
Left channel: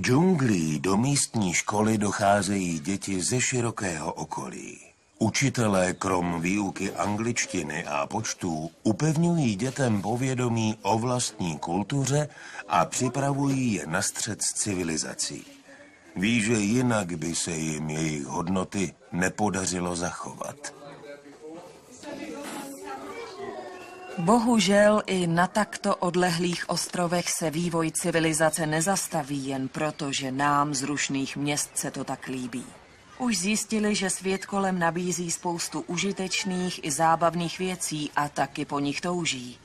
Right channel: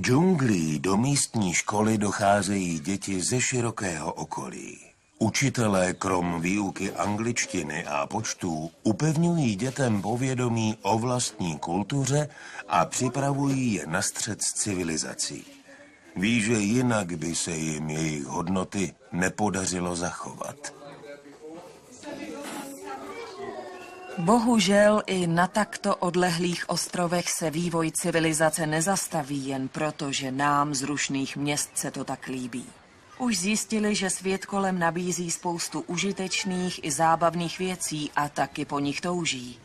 Džunglí do místní školy docházejí děti ze širokého okolí. Učitelé krom výuky angličtiny a počtů upevňují dětem povědomí o vlastní kultuře a připravují je na střet s civilizací. Ví, že jinak by se jim jejich hodnoty nepodařilo zachovat. Bohužel i na takto odlehlých ostrovech se vývoj civilizace nezastaví jen proto, že nám z rušných měst se to tak líbí. Už zjistili, že svět kolem nabízí spoustu užitečných i zábavných věcí a taky po nich touží.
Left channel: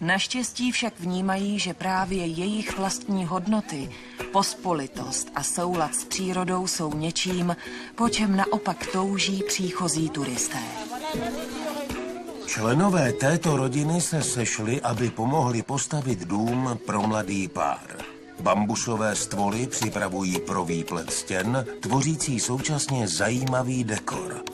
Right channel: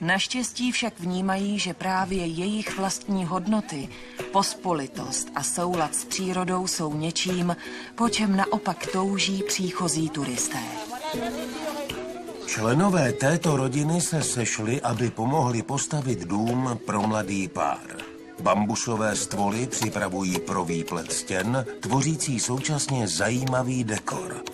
Naštěstí však vnímají, že právě jejich vlastní hodnoty, pospolitost a soulad s přírodou jsou něčím, po čem naopak touží příchozí turisté. Členové této rodiny se sešli, aby pomohli postavit dům pro mladý pár. Bambusové stvoly připravují pro výplet stěn, tvořící současně zajímavý dekor.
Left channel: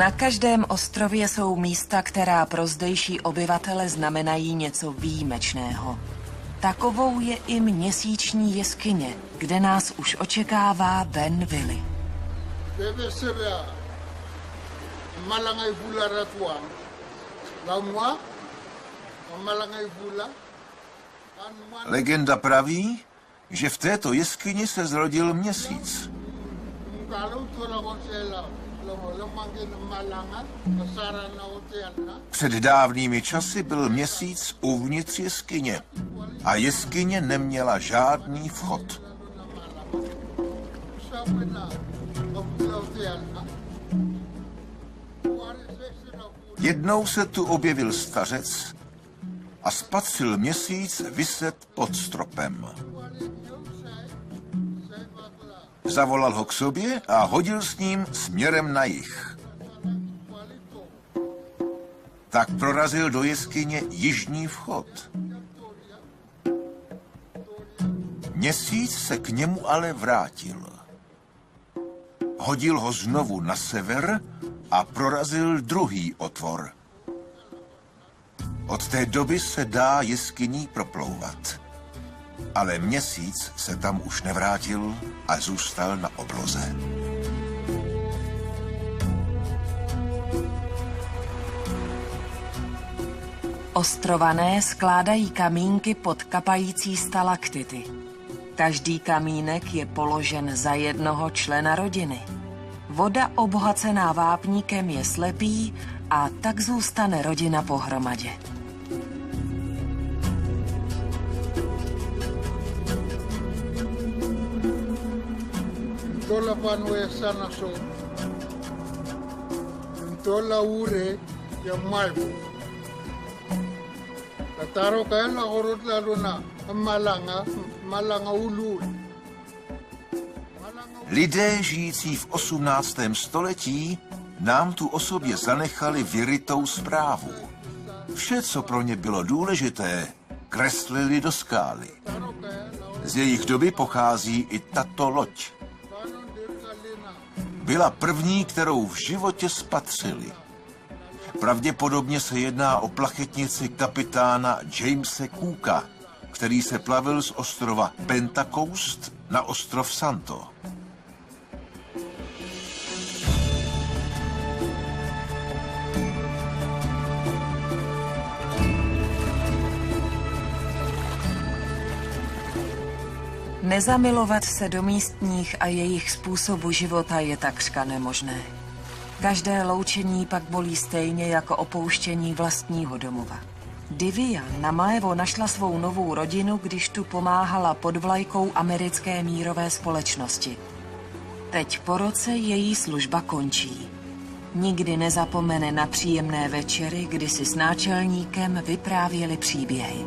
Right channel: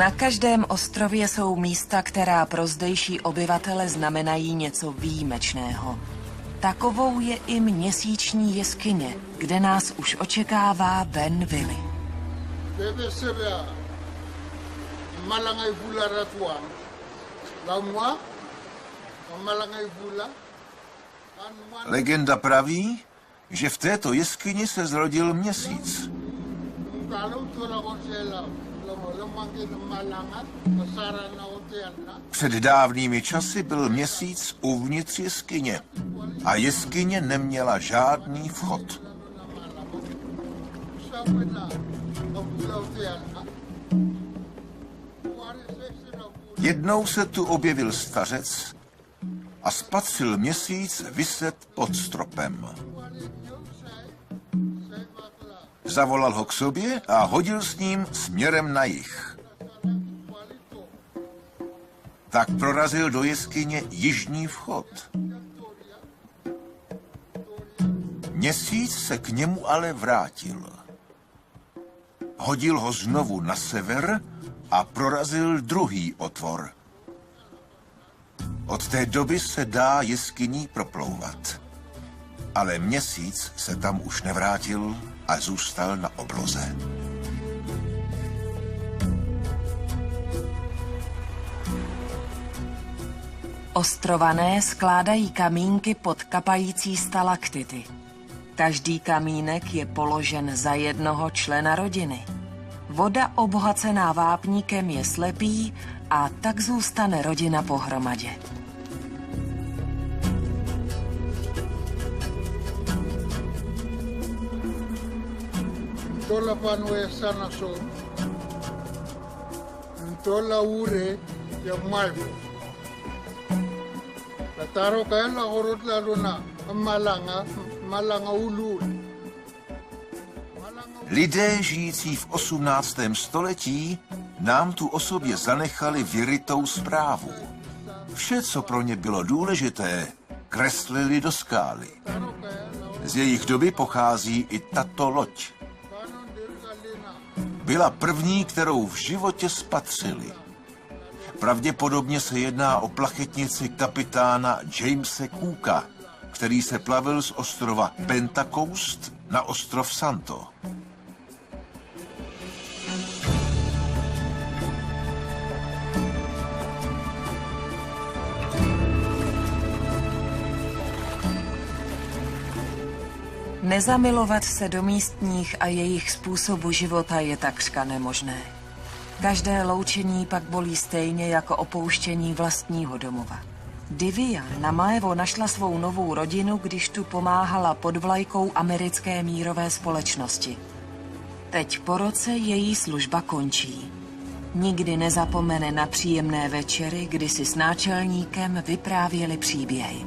Na každém ostrově jsou místa, která pro zdejší obyvatele znamenají něco výjimečného. Takovou je i měsíční jeskyně, kde nás už očekává Ben Willy. Legenda praví, že v této jeskyni se zrodil měsíc. Před dávnými časy byl měsíc uvnitř jeskyně a jeskyně neměla žádný vchod. Jednou se tu objevil stařec a spatřil měsíc viset pod stropem. Zavolal ho k sobě a hodil s ním směrem na jih. Tak prorazil do jeskyně jižní vchod. Měsíc se k němu ale vrátil. Hodil ho znovu na sever a prorazil druhý otvor. Od té doby se dá jeskyní proplouvat. Ale měsíc se tam už nevrátil a zůstal na obloze. Ostrované skládají kamínky pod kapající stalaktity. Každý kamínek je položen za jednoho člena rodiny. Voda obohacená vápníkem je slepý a tak zůstane rodina pohromadě. Tola panue sana so. Tola ure ya malvo. Kataro kaya la horot lalo na malanga ulul. Lidé žijící v 18. století nám tu o sobě zanechali vyrytou zprávu. Vše, co pro ně bylo důležité, kreslili do skály. Z jejich doby pochází i tato loď. Byla první, kterou v životě spatřili. Pravděpodobně se jedná o plachetnici kapitána Jamese Cooka, který se plavil z ostrova Pentecost na ostrov Santo. Nezamilovat se do místních a jejich způsobu života je takřka nemožné. Každé loučení pak bolí stejně jako opouštění vlastního domova. Divya na Maevo našla svou novou rodinu, když tu pomáhala pod vlajkou americké mírové společnosti. Teď po roce její služba končí. Nikdy nezapomene na příjemné večery, kdy si s náčelníkem vyprávěli příběhy.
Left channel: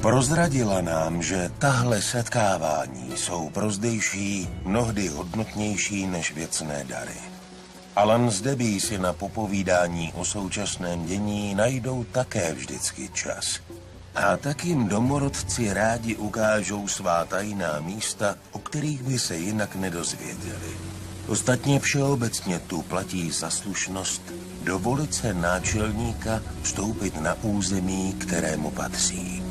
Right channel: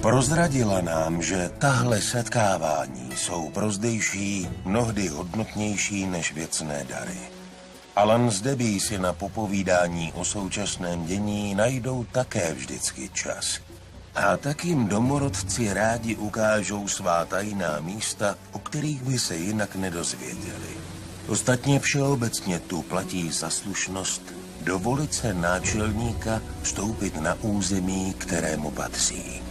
Prozradila nám, že tahle setkávání jsou pro zdejší mnohdy hodnotnější než věcné dary. Alan s Debbie si na popovídání o současném dění najdou také vždycky čas. A tak jim domorodci rádi ukážou svá tajná místa, o kterých by se jinak nedozvěděli. Ostatně všeobecně tu platí zaslušnost dovolit se náčelníka vstoupit na území, kterému patří.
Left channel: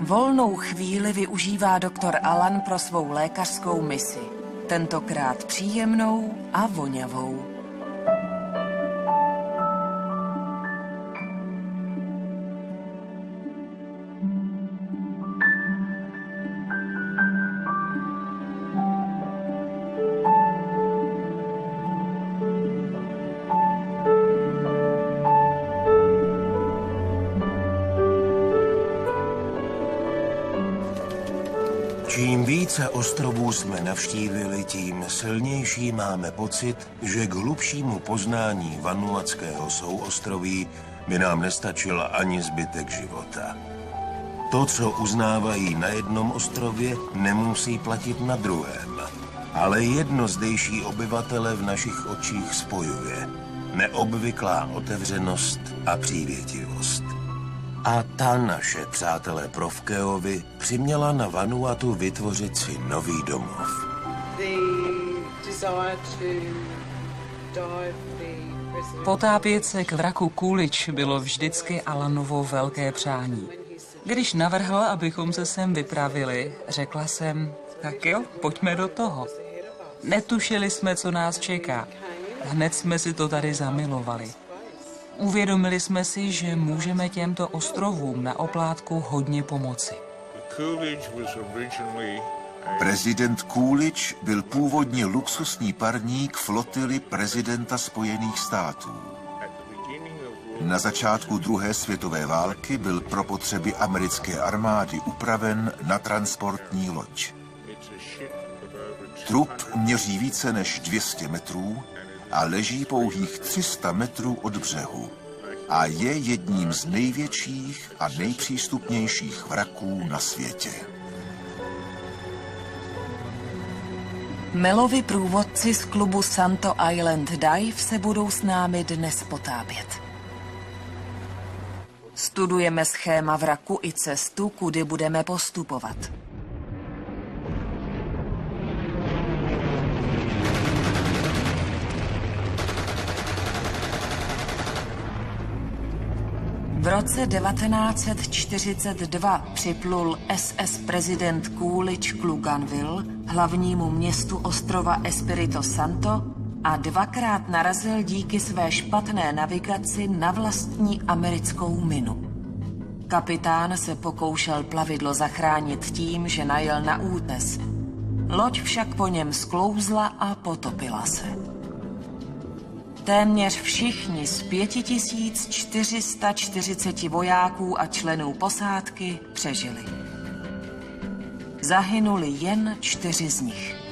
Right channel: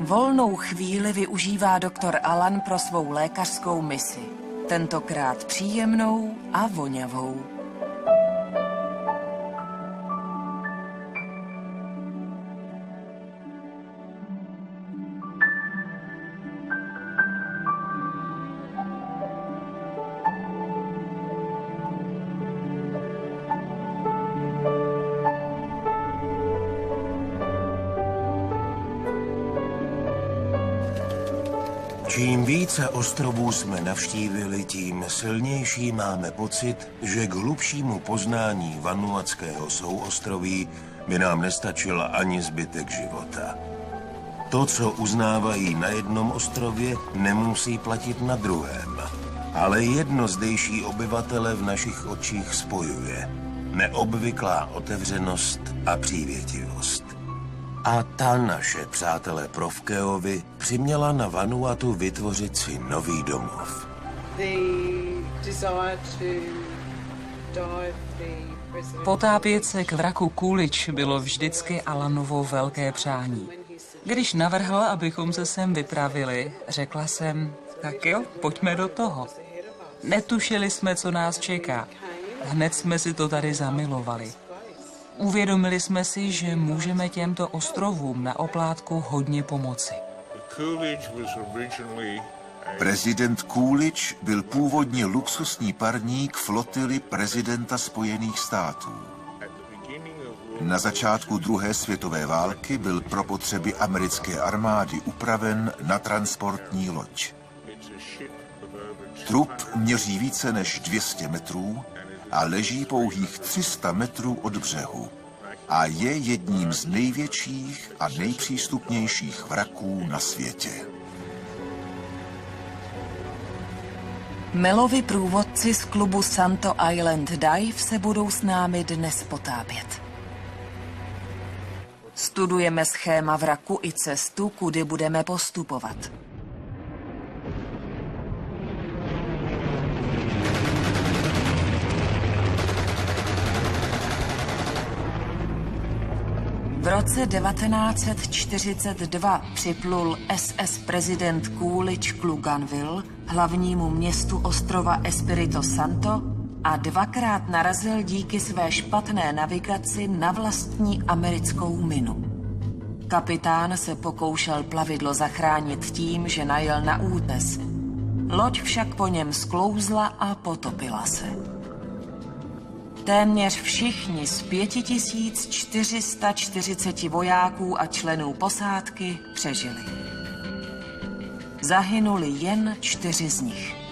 Volnou chvíli využívá doktor Alan pro svou lékařskou misi. Tentokrát příjemnou a vonavou. Čím více ostrovů jsme navštívili, tím silnější máme pocit, že k hlubšímu poznání vanuatského souostroví by nám nestačil ani zbytek života. To, co uznávají na jednom ostrově, nemusí platit na druhém. Ale jedno zdejší obyvatele v našich očích spojuje. Neobvyklá otevřenost a přívětivost. A ta naše přátelé Provkeovi přiměla na Vanuatu vytvořit si nový domov. Potápět se k vraku Coolidge bylo vždycky Alanovo velké přání. Když navrhl, abychom se sem vypravili, řekla jsem, tak jo, pojďme do toho. Netušili jsme, co nás čeká. Hned jsme si to tady zamilovali. Uvědomili jsme si, že můžeme těmto ostrovům na oplátku hodně pomoci. Prezident Coolidge byl původně luxusní parník flotily prezidenta Spojených států. Na začátku druhé světové války byl pro potřeby americké armády upraven na transportní loď. Trup měří více než 200 metrů a leží pouhých 300 metrů od břehu a je jedním z největších a nejpřístupnějších vraků na světě. Melovi průvodci z klubu Santo Island Dive se budou s námi dnes potápět. Studujeme schéma vraku i cestu, kudy budeme postupovat. V roce 1942 připlul SS prezident Coolidge k Luganville, hlavnímu městu ostrova Espirito Santo, a dvakrát narazil díky své špatné navigaci na vlastní americkou minu. Kapitán se pokoušel plavidlo zachránit tím, že najel na útes. Loď však po něm sklouzla a potopila se. Téměř všichni z 5440 vojáků a členů posádky přežili. Zahynuli jen 4 z nich.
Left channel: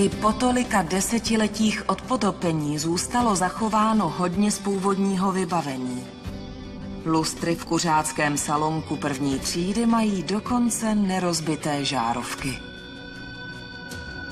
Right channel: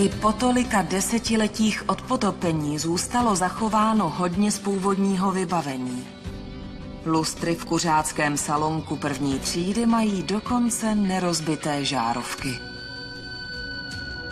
I po tolika desetiletích od potopení zůstalo zachováno hodně z původního vybavení. Lustry v kuřáckém salonku první třídy mají dokonce nerozbité žárovky.